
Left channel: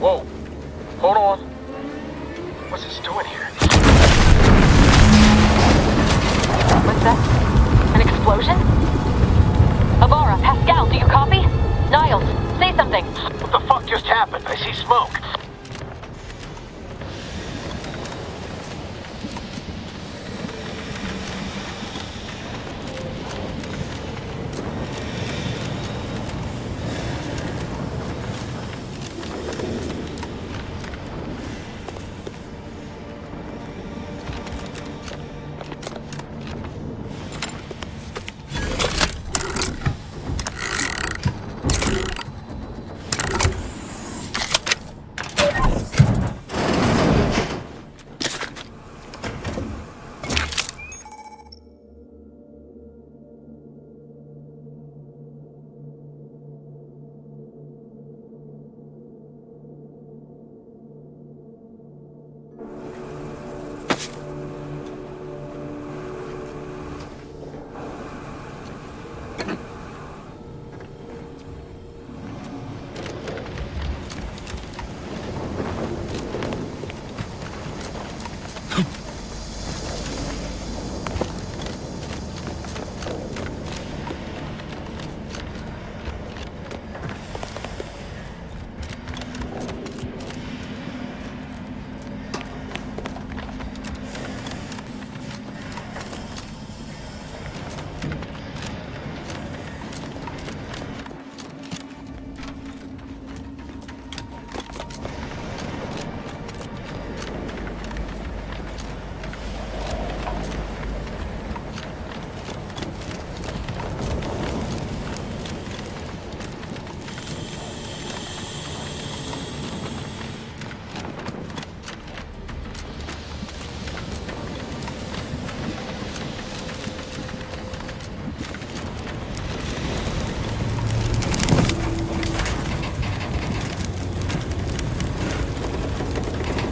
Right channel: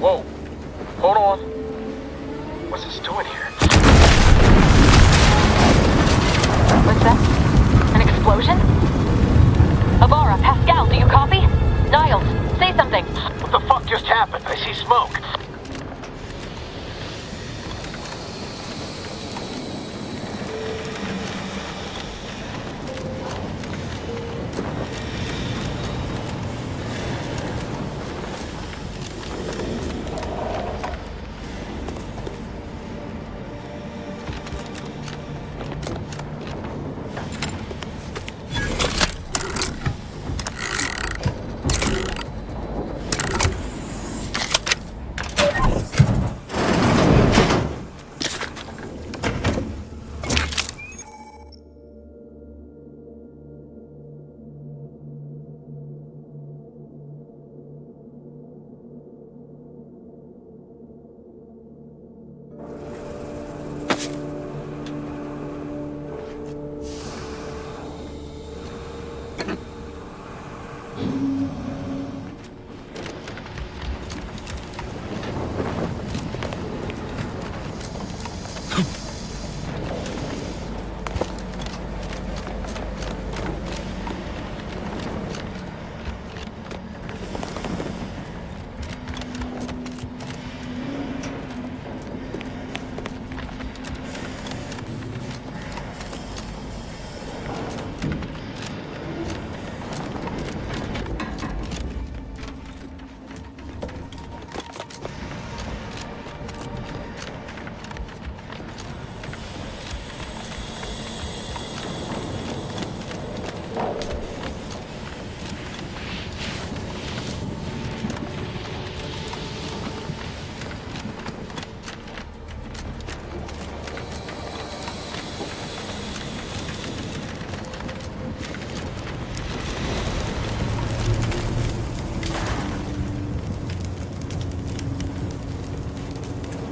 Whoa. Hold on. What's this doing here? What's that? An explosion? Avara, Pascal, do you copy? Niles, say something. What the fuck just happened? I see smoke.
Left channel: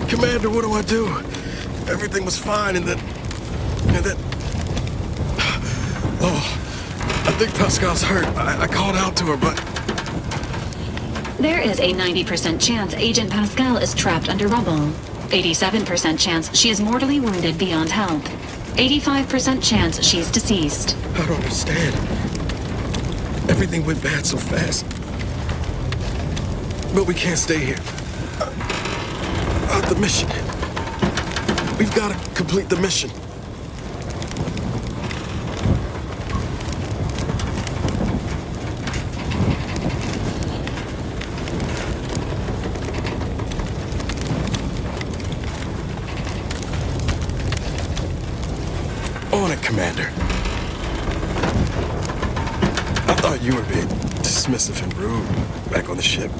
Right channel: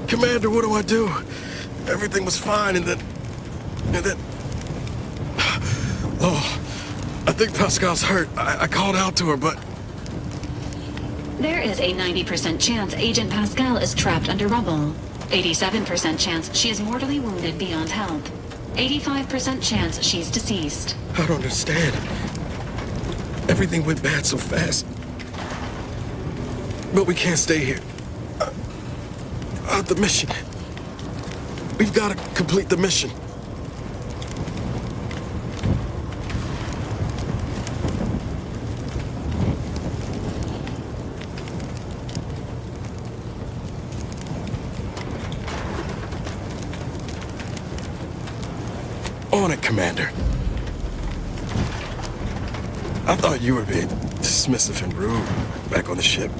Commander, what do I do? Everything was fine, and then... Oh, I think Pascal's hurt. I called out to her, but... There is a 90% chance Agent Pascal is trapped under rubble. 87% chance she is mortally wounded beyond help. 85% chance she's deceased. I don't understand. Everything went bad so fast. But we can't stay here. The mission. We've got to complete the mission. On it, Commander. I thought you were being dismissive and rude back on the ship.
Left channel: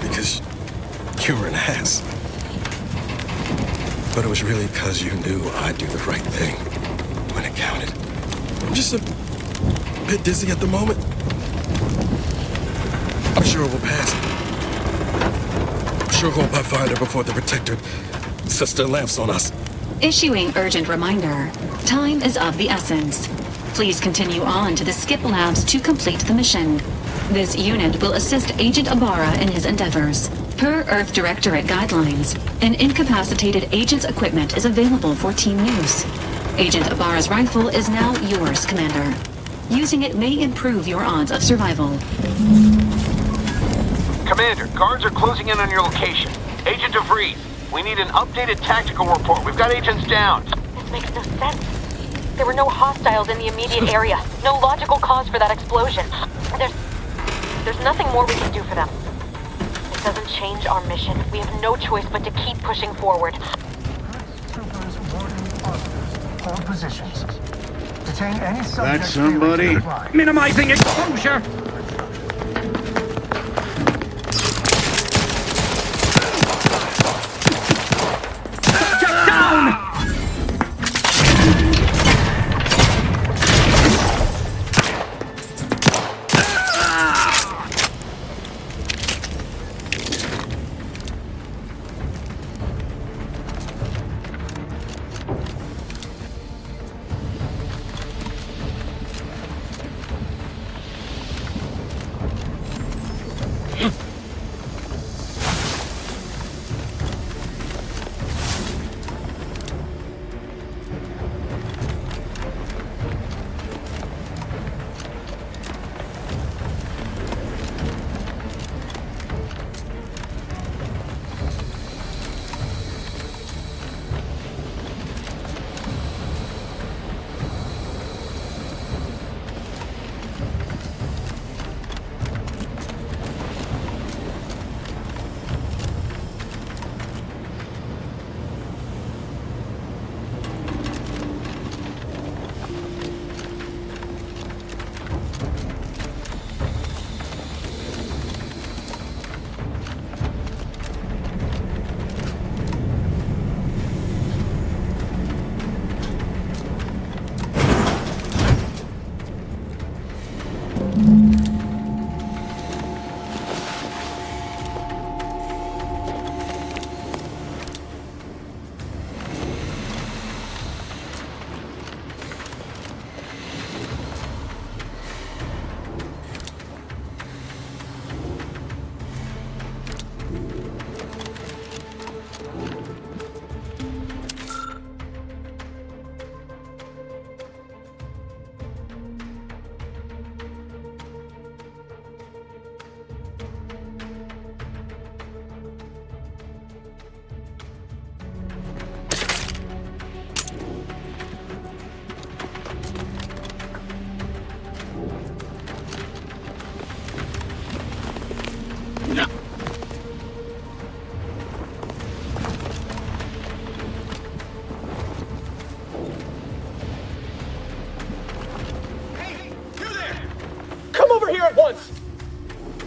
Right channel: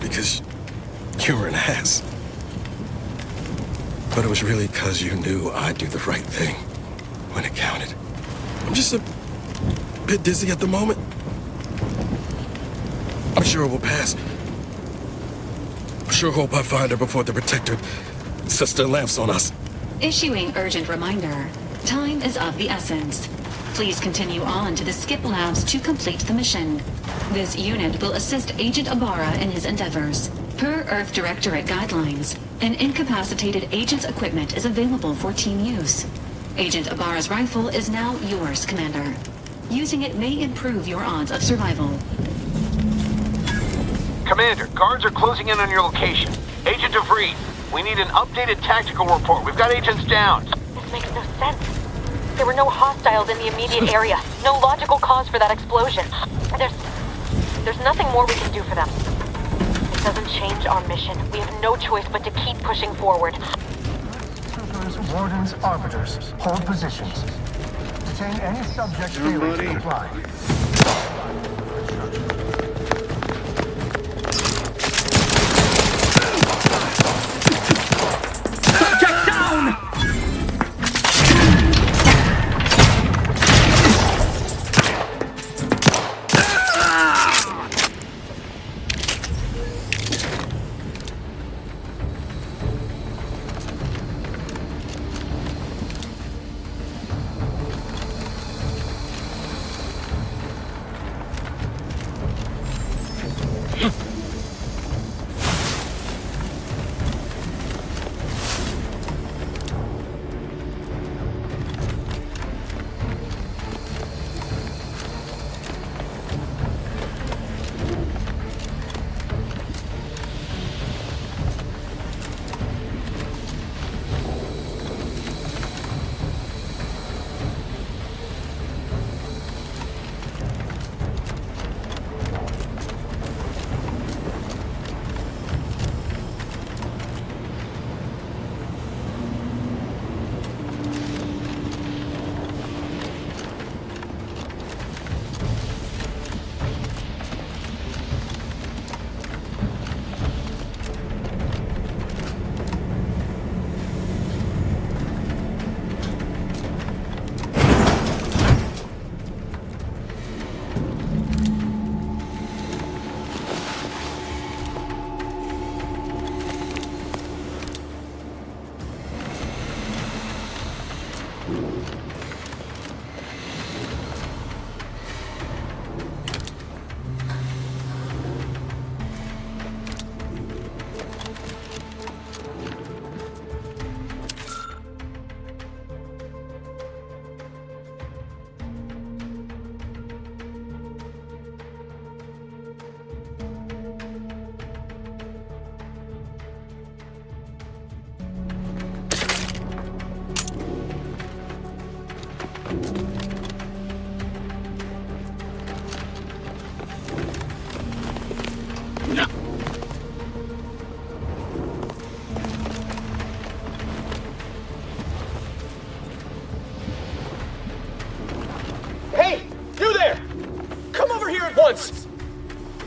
Because you were an ass. But it was really because you knew I'd do the right thing when it counted. I'm just a bit dizzy at the moment. I'm sure we'll pass. I sure hope I find her before the Protector sets their lamps on us. Issuing urgent reminder. Time is of the essence. Please continue on to the skip labs to complete the mission. This unit will assist Agent Ibarra in his endeavors. Per Earth Directorate guidelines, an incapacitated agent's equipment is available for team use. Agent Ibarra's rifle is now yours, Commander. Using it may improve your odds of survival. Commander, guards are closing in on your location. Agent DeVries, we need an updated tactical report. We've got agents down. This makes no sense. There were no hostiles in the immediate area. No logical cause for that explosion. There's nothing more we can do for them. It doesn't change our mission. We have no choice but to keep pushing forward. Troopers, wardens, arbiters, hold positions. Detain any subject. That's somebody. Minimizing exposure. Subject down!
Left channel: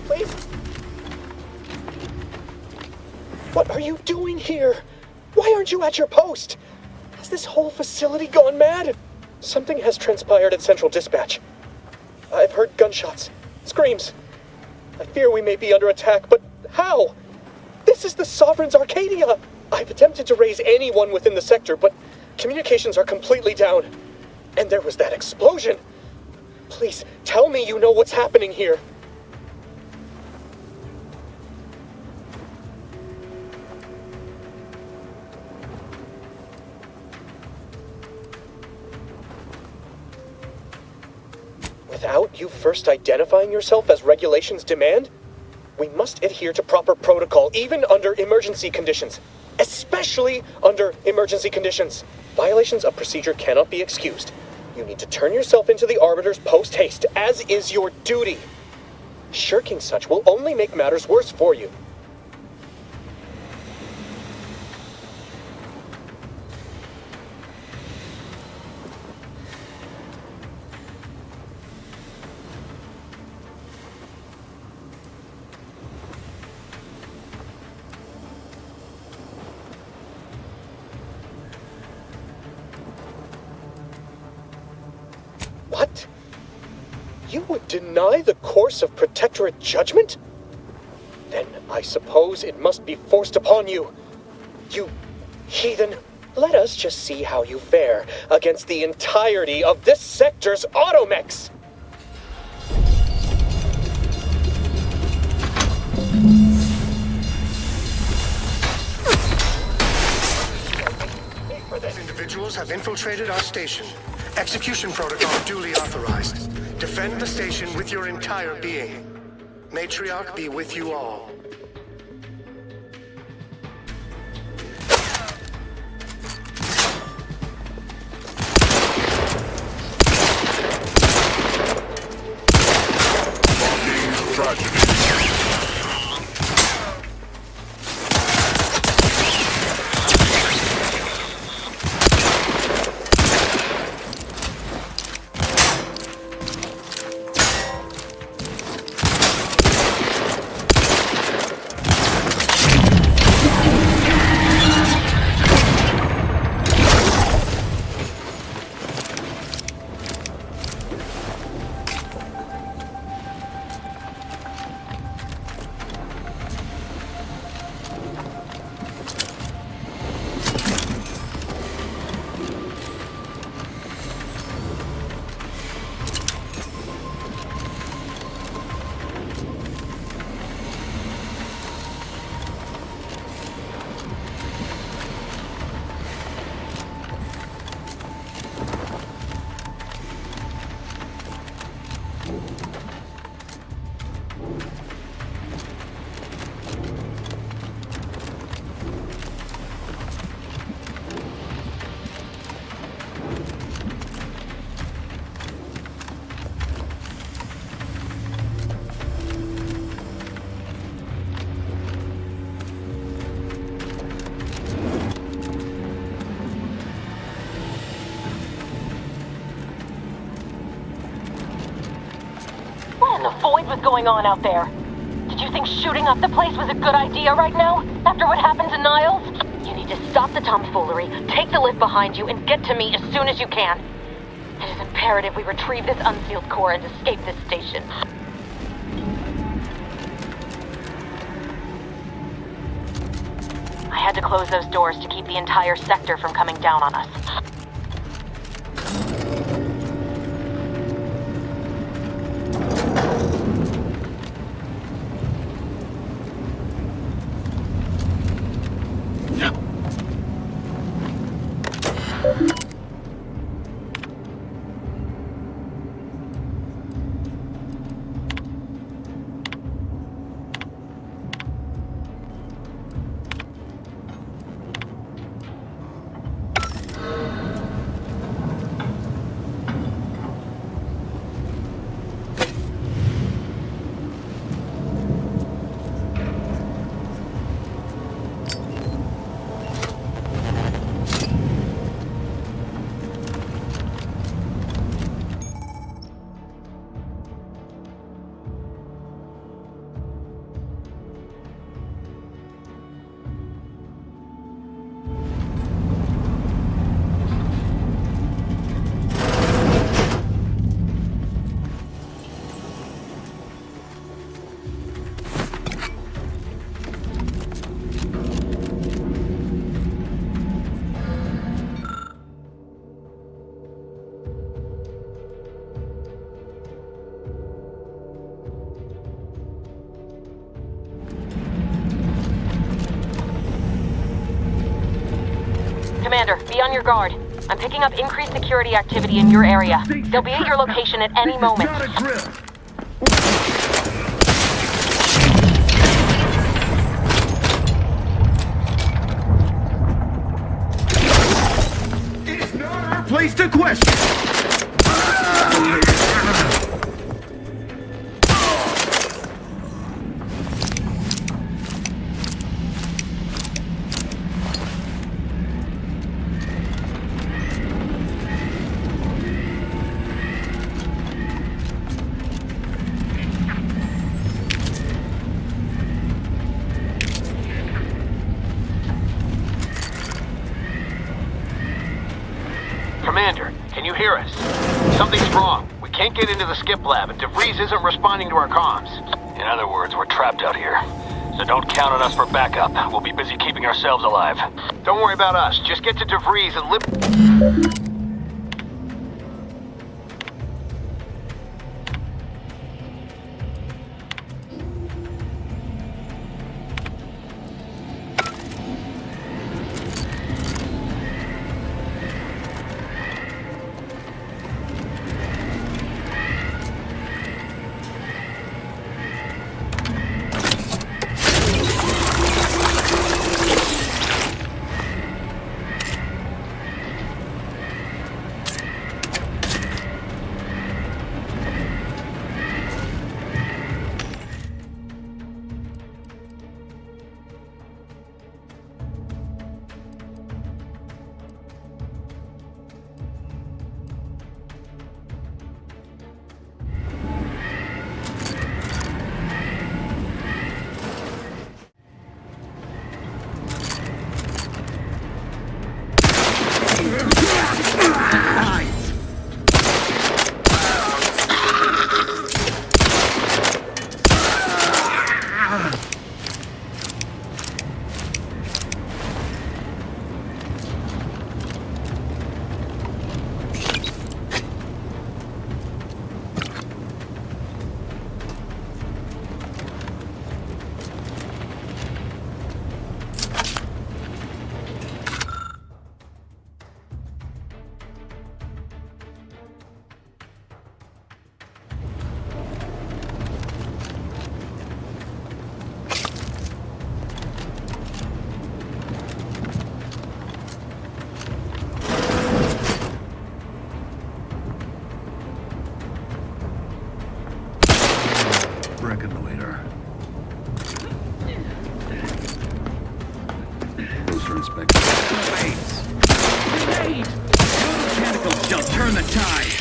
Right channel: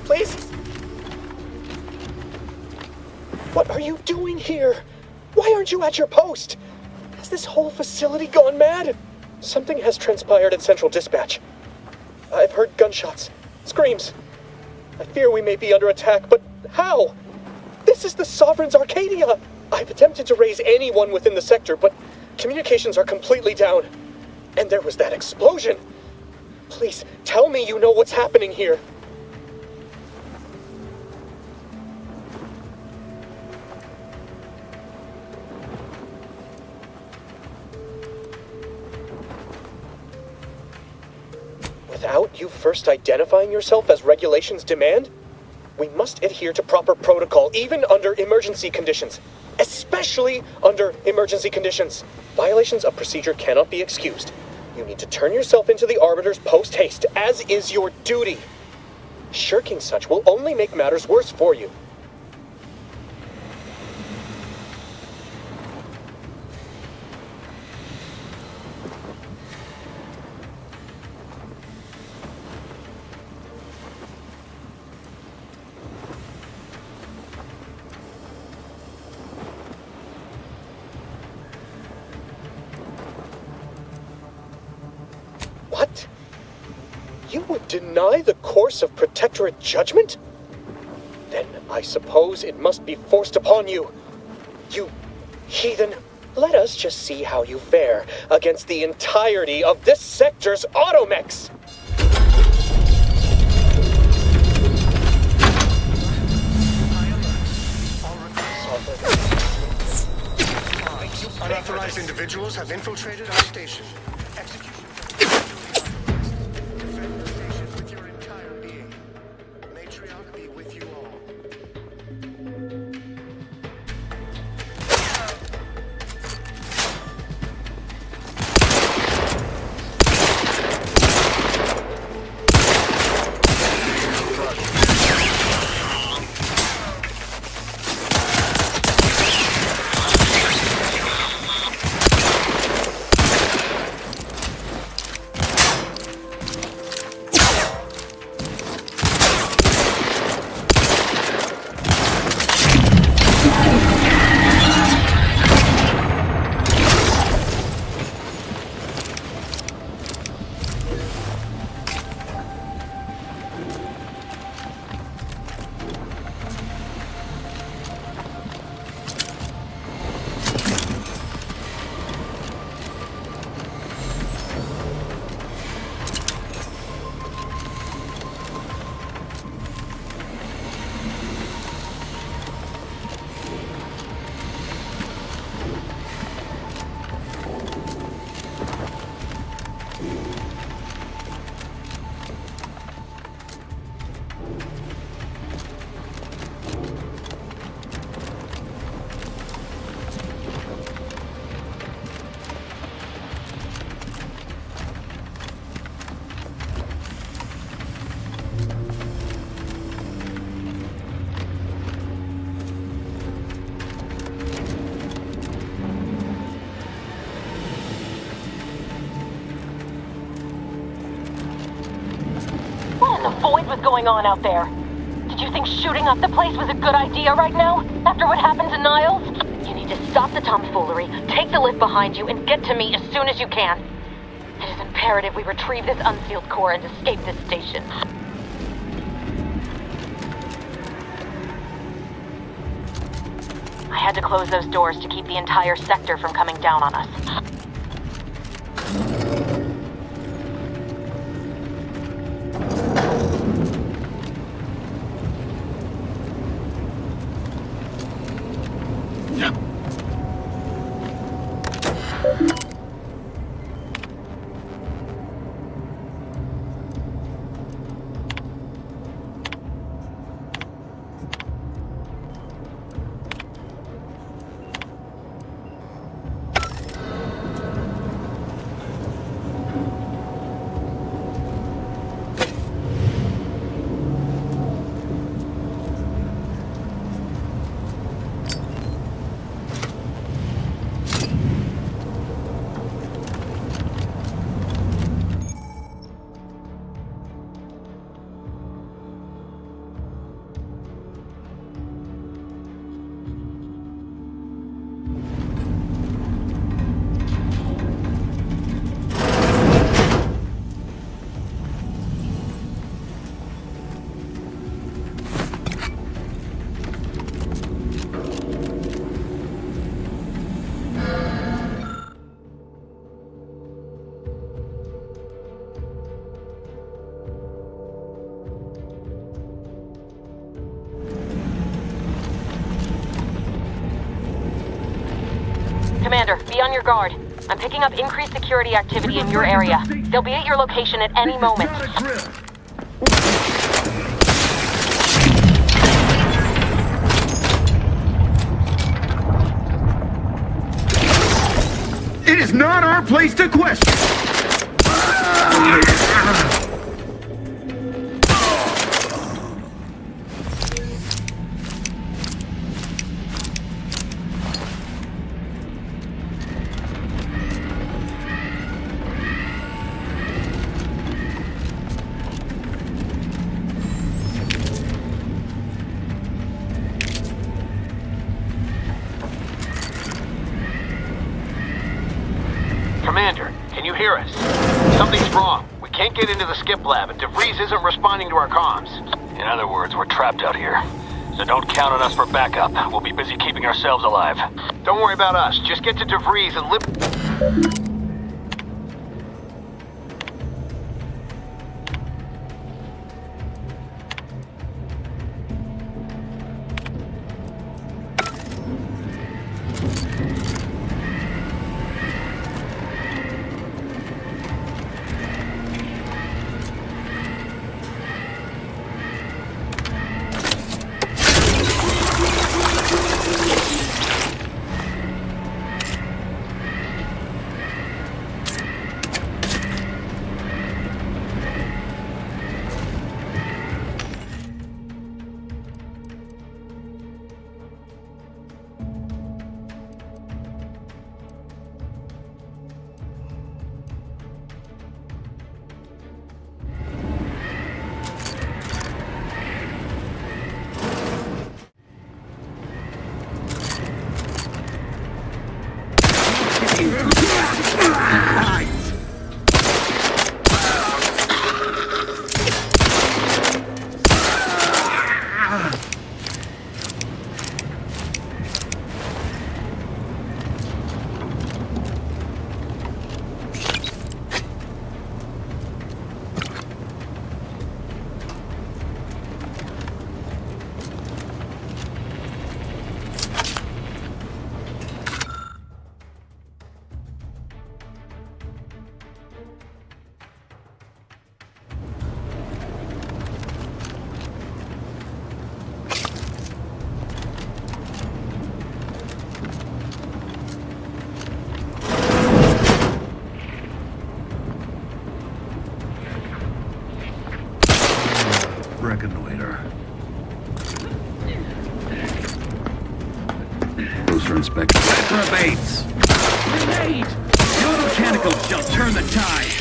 Please? What are you doing here? Why aren't you at your post? Has this whole facility gone mad? Something has transpired at Central Dispatch. I've heard gunshots, screams. I fear we may be under attack, but how? This is the Sovereign's Arcadia! I've attempted to raise anyone within the sector, but communications are completely down. And there was that explosion! Please, tell me you know what's happening here. Without you first identifying yourself as regulations demand, we must adhere to proper protocol, even under emergency conditions. especially under emergency conditions. Violations of procedure cannot be excused. You need to turn yourself into the Arbiters post-haste, as is your duty. Shirking such will only make matters worse for you. What? You would deny the course of Protectorate judgment? Then I suppose it must be forced upon you. You heathen. Let us just see how you fare against the entirety of this sector's automechs. Unauthorized individuals have infiltrated our station. Execution protocol duly authorized. Defend the station with your entire being. Matriarch be with you all. What in the void was going on out there? Did you think shooting up the place was a good idea right now? After what happened to Niles? You need to stop the tomfoolery, take the lift behind you, and get to me as soon as you can. It is imperative we retrieve this unsealed core and escape this station. I had to close those doors to keep the entire sector from coming down on us. Commander, be on your guard. I'm picking up increased security activity in your area. They'll be at your location at any moment. is not our place to question. Commander, can you hear us? Something's wrong. We can't get into the skip lab, and DeVries isn't responding to our comms. In other words, we're trapped out here. So don't count on us for backup. We'll be busy keeping ourselves alive. Don't worry about us. Just get to DeVries and live... Reconnoiter. Closer inspection. Reprobates! Grenade! Your mechanical shall turn the tide!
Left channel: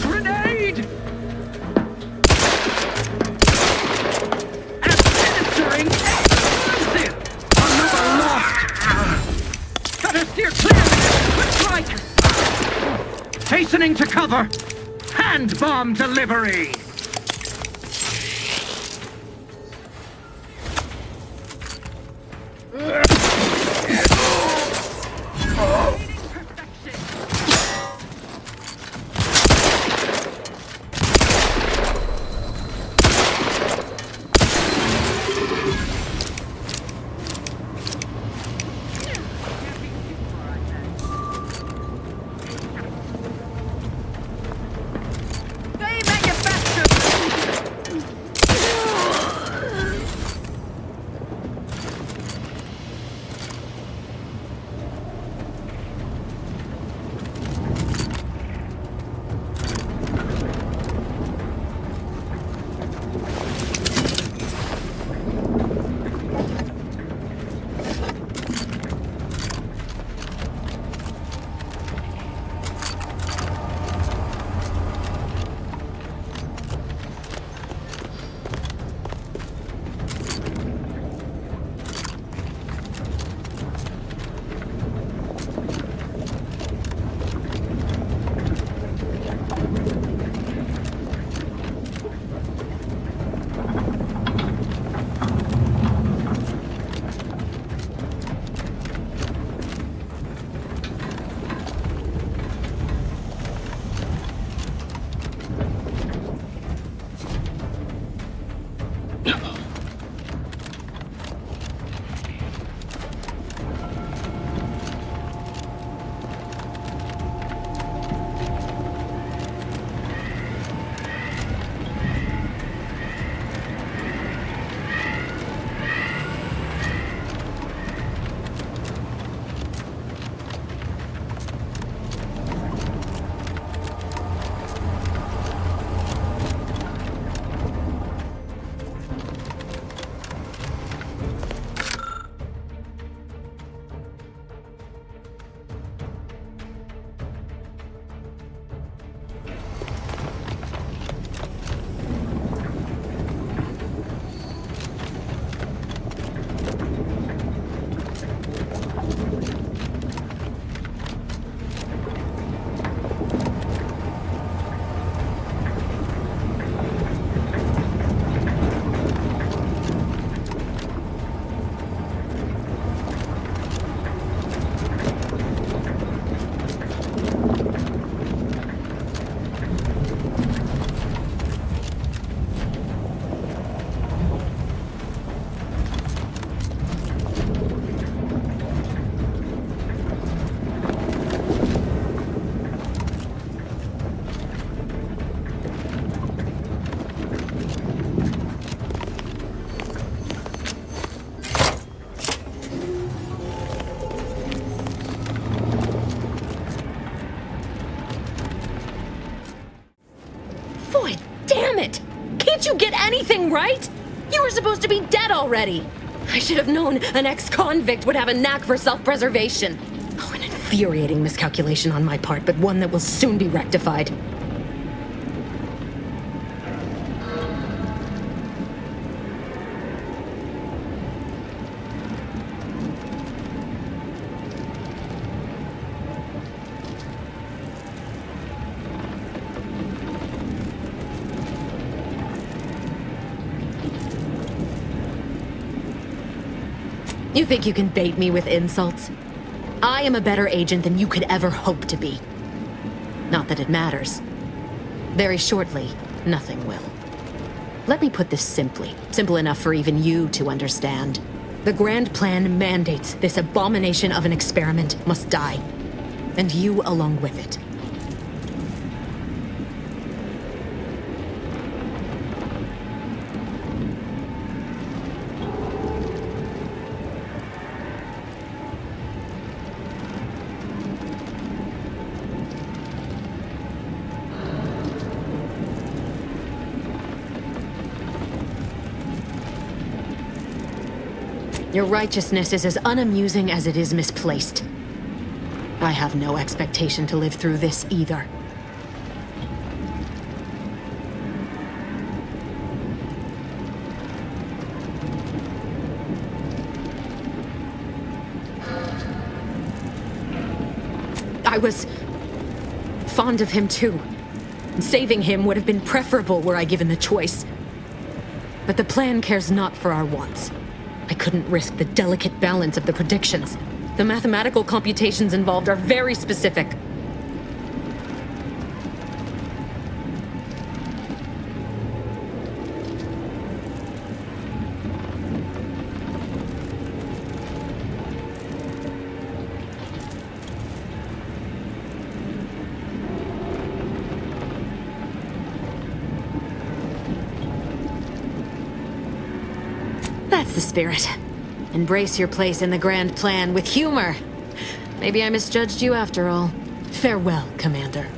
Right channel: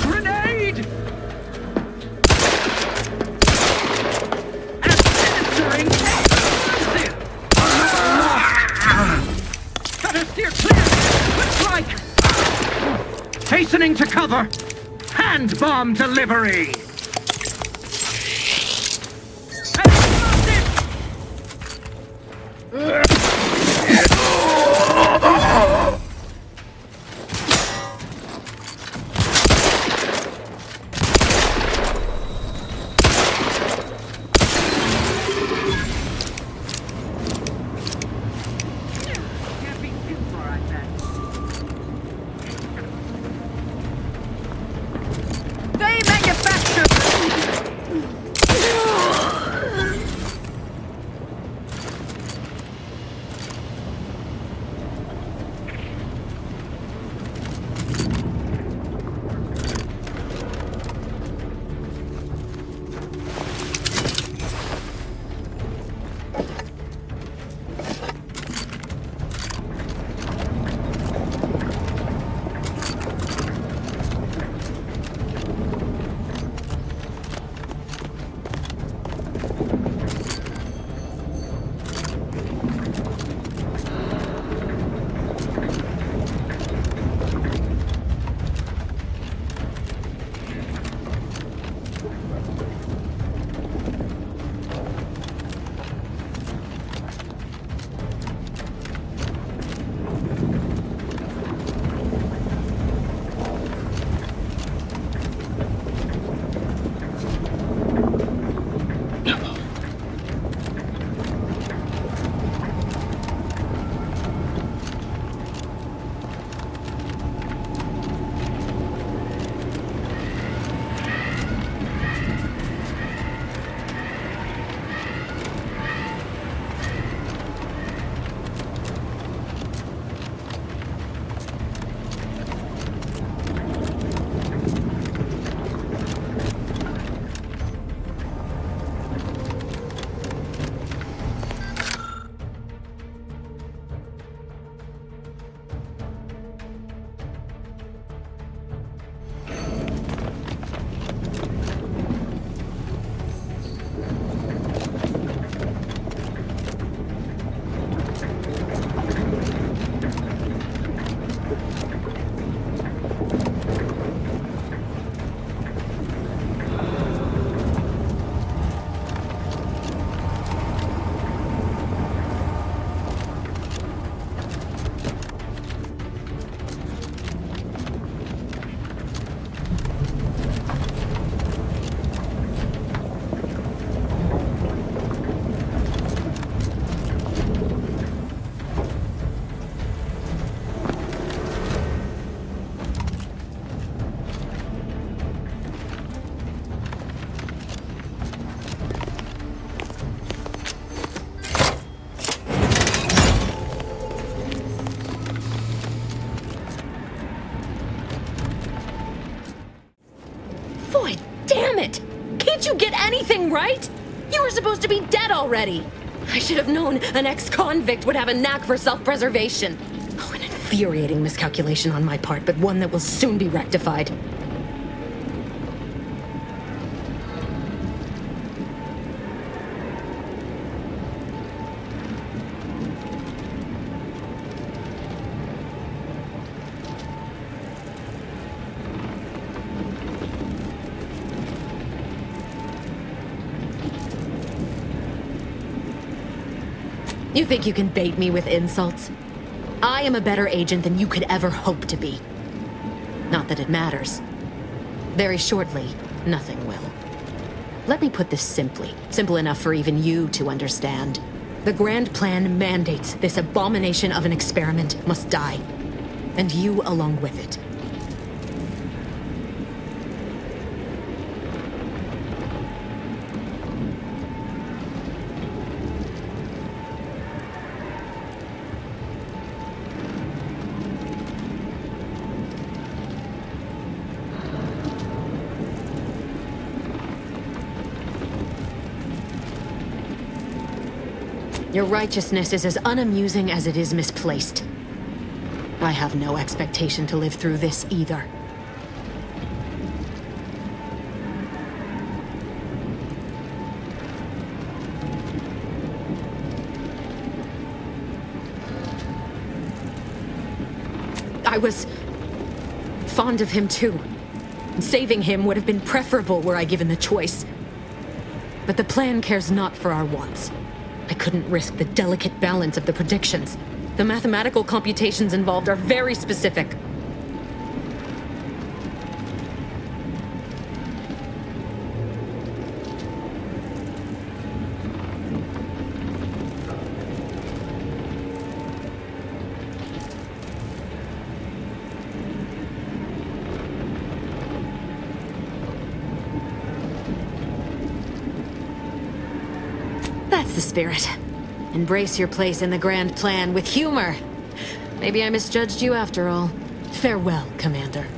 Grenade! Administering explosive! Another lost! Better steer clear! Quick strike! Hastening to cover! Hand bomb delivery! They manufacture anything, right? You were supposed to be dead already. I should have known an ex-convict would have a knack for self-preservation. Oh, an infuriating miscalculation on my part, but one that will soon be rectified. You think you can bait me with insults? I am a better agent than you could ever hope to be. Not that it matters. Very shortly, nothing will. Let me put this simply, simple enough for even you to understand. The grand plan mandates this abomination of an experiment must die, and you along with it. Your righteousness is as unamusing as it is misplaced. I have no expectation to live through this either. I was fond of him too. Saving him would have been preferable were I given the choice. But the plan cares not for our wants. I couldn't risk the delicate balance of the predictions. The mathematical computations involved are very specific. That's the spirit. Embrace your place in the grand plan with humor. Maybe I misjudged you after all. Farewell, Commander.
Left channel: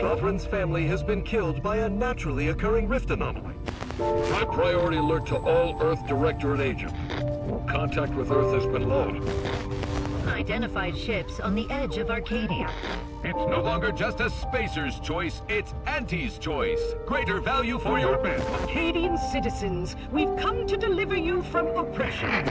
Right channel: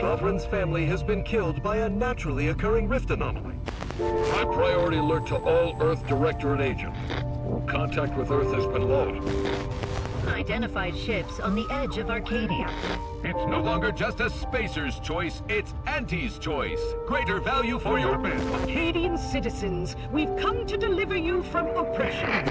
Sovereign's family has been killed by a naturally occurring rift anomaly. High priority alert to all Earth Directorate agents. Contact with Earth has been low. Identified ships on the edge of Arcadia. It's no longer just a spacer's choice, it's Auntie's choice. Greater value for your men. Arcadian citizens, we've come to deliver you from oppression.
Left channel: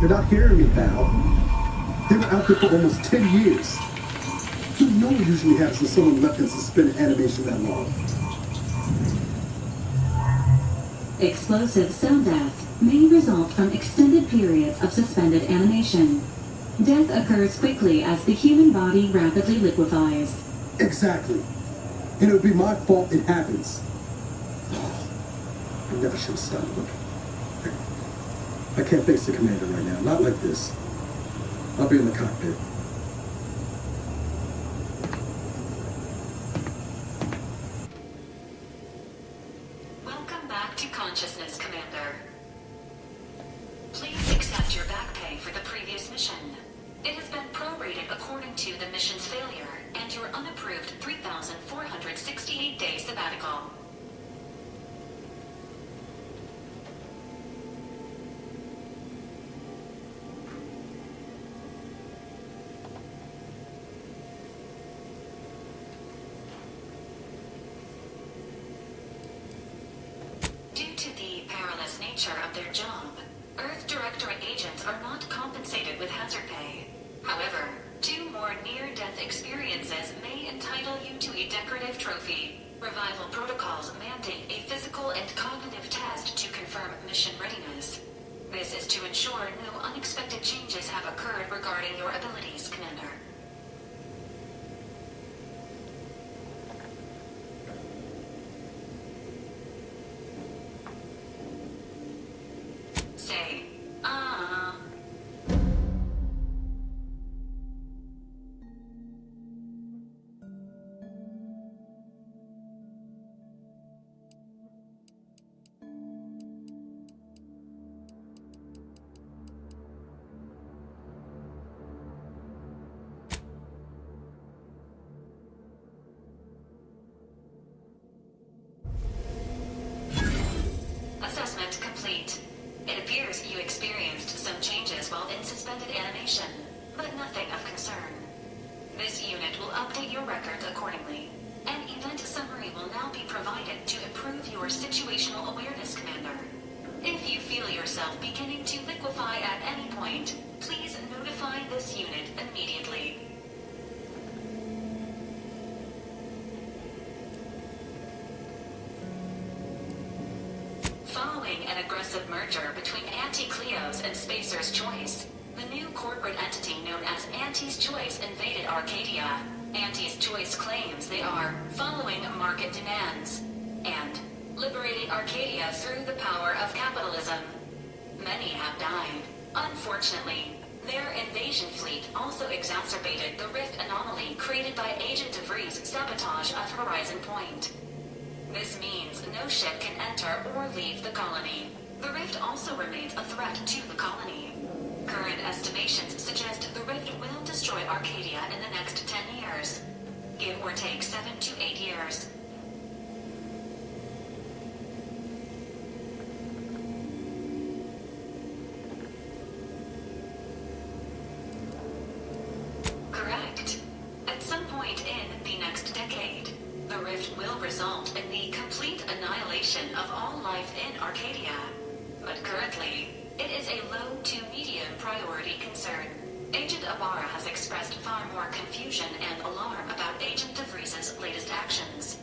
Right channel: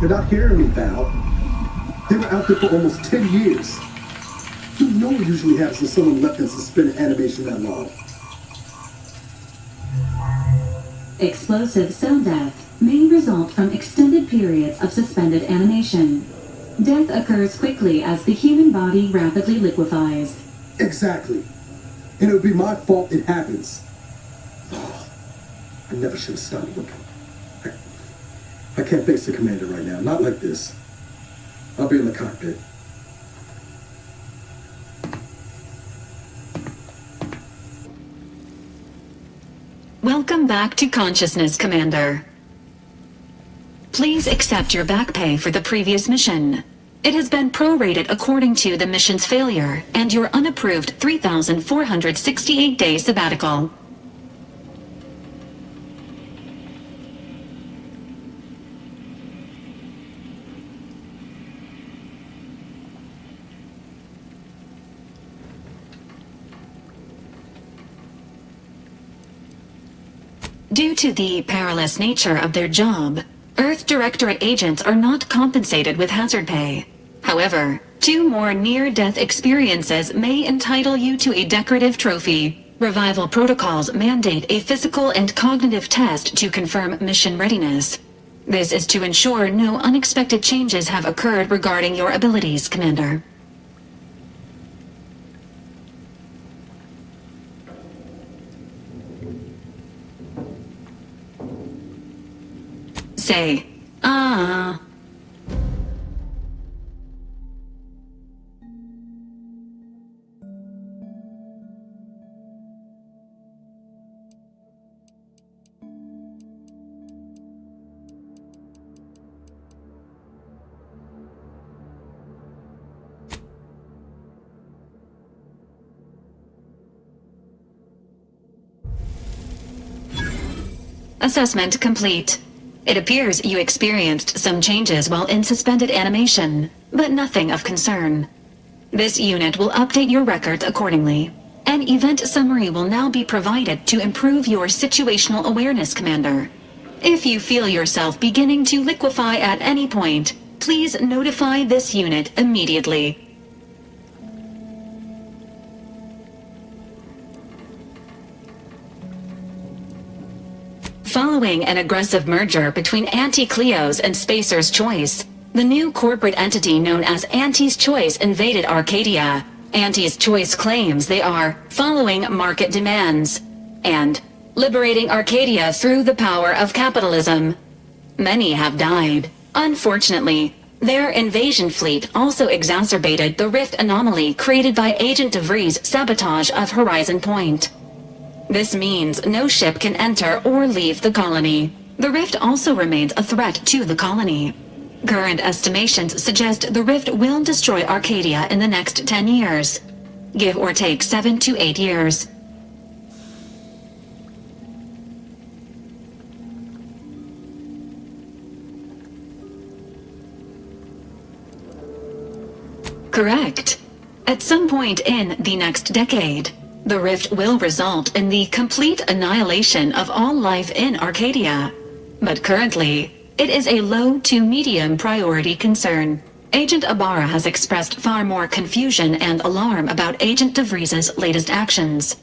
You're not hearing me, Val. They were out there for almost 10 years. You know what usually happens when someone left in suspended animation that long. Explosive zone death. may result from extended periods of suspended animation. Death occurs quickly as the human body rapidly liquefies. Exactly. And it would be my fault it happens. Oh, I never should have stopped looking. I can't face the commander right now. Not like this. I'll be in the cockpit. Welcome back to consciousness, Commander. Please accept your back pay for the previous mission. It has been prorated according to the mission's failure and your unapproved 3,468-day sabbatical. Due to the perilous nature of their job, Earth Directorate agents are not compensated with hazard pay. However, 2 more near-death experiences may entitle you to a decorative trophy. Revival protocols mandate a physical and cognitive test to confirm mission readiness. This is to ensure no unexpected changes have occurred regarding your abilities, Commander. Say, ah. Assessment complete. It appears you experienced some changes while in suspended animation, but nothing of concern. This unit will update your records accordingly. An event summary will now be provided to improve your situational awareness, Commander. If you feel yourself beginning to liquefy at any point, please notify this unit immediately. Following an aggressive merger between Anti-Cleo's and Spacer's Choice, the new corporate entity known as Anti's Choice invaded Arcadia. Anti's Choice claims they are following market demands and liberating Arcadia through the power of capitalism. Many have died. Unfortunately, their invasion fleet also exacerbated the rift anomaly created by Agent DeVries' sabotage of Horizon Point. This means no ship can enter or leave the colony. The rift also remains a threat to the colony. Current estimations suggest the rift will destroy Arcadia in the next 10 years. Give or take 7 to 8 years. Correct. At some point in the next decade, the rift will result in the complete annihilation of all life in Arcadia. But currently, it is a low to medium priority concern. Agent Ibarra has expressed far more confusion and alarm about Agent DeVries' latest actions.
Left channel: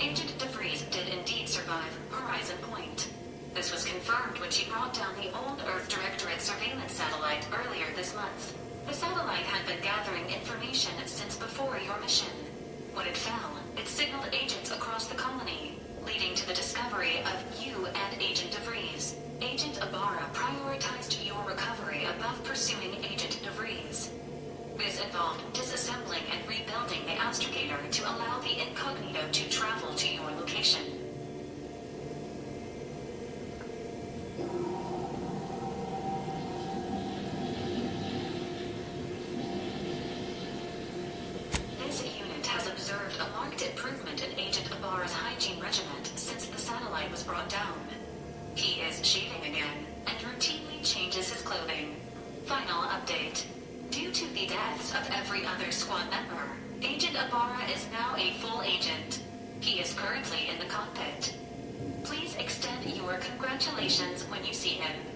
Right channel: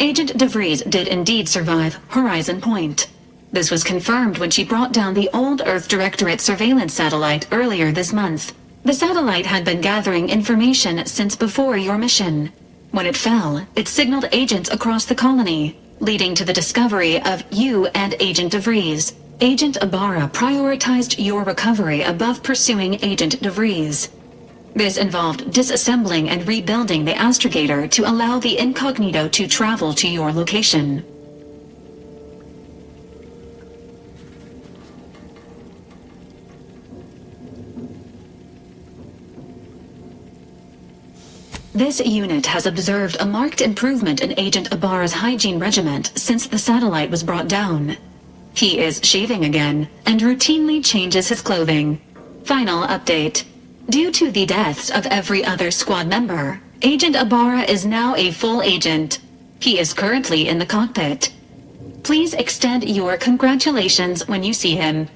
Agent DeVries did indeed survive Horizon Point. This was confirmed when she brought down the old Earth Directorate surveillance satellite earlier this month. The satellite had been gathering information since before your mission. When it fell, it signaled agents across the colony, leading to the discovery of you and Agent DeVries. Agent Ibarra prioritized your recovery above pursuing Agent DeVries. This involved disassembling and rebuilding the astrogator to allow the incognito to travel to your location. This unit has observed a marked improvement in Agent Ibarra's hygiene regimen since the satellite was brought down. He is shaving again and routinely changes his clothing. Final update. Due to the deaths of every other squad member, Agent Ibarra is now a full agent. He is currently in the cockpit. Please extend your congratulations when you see him.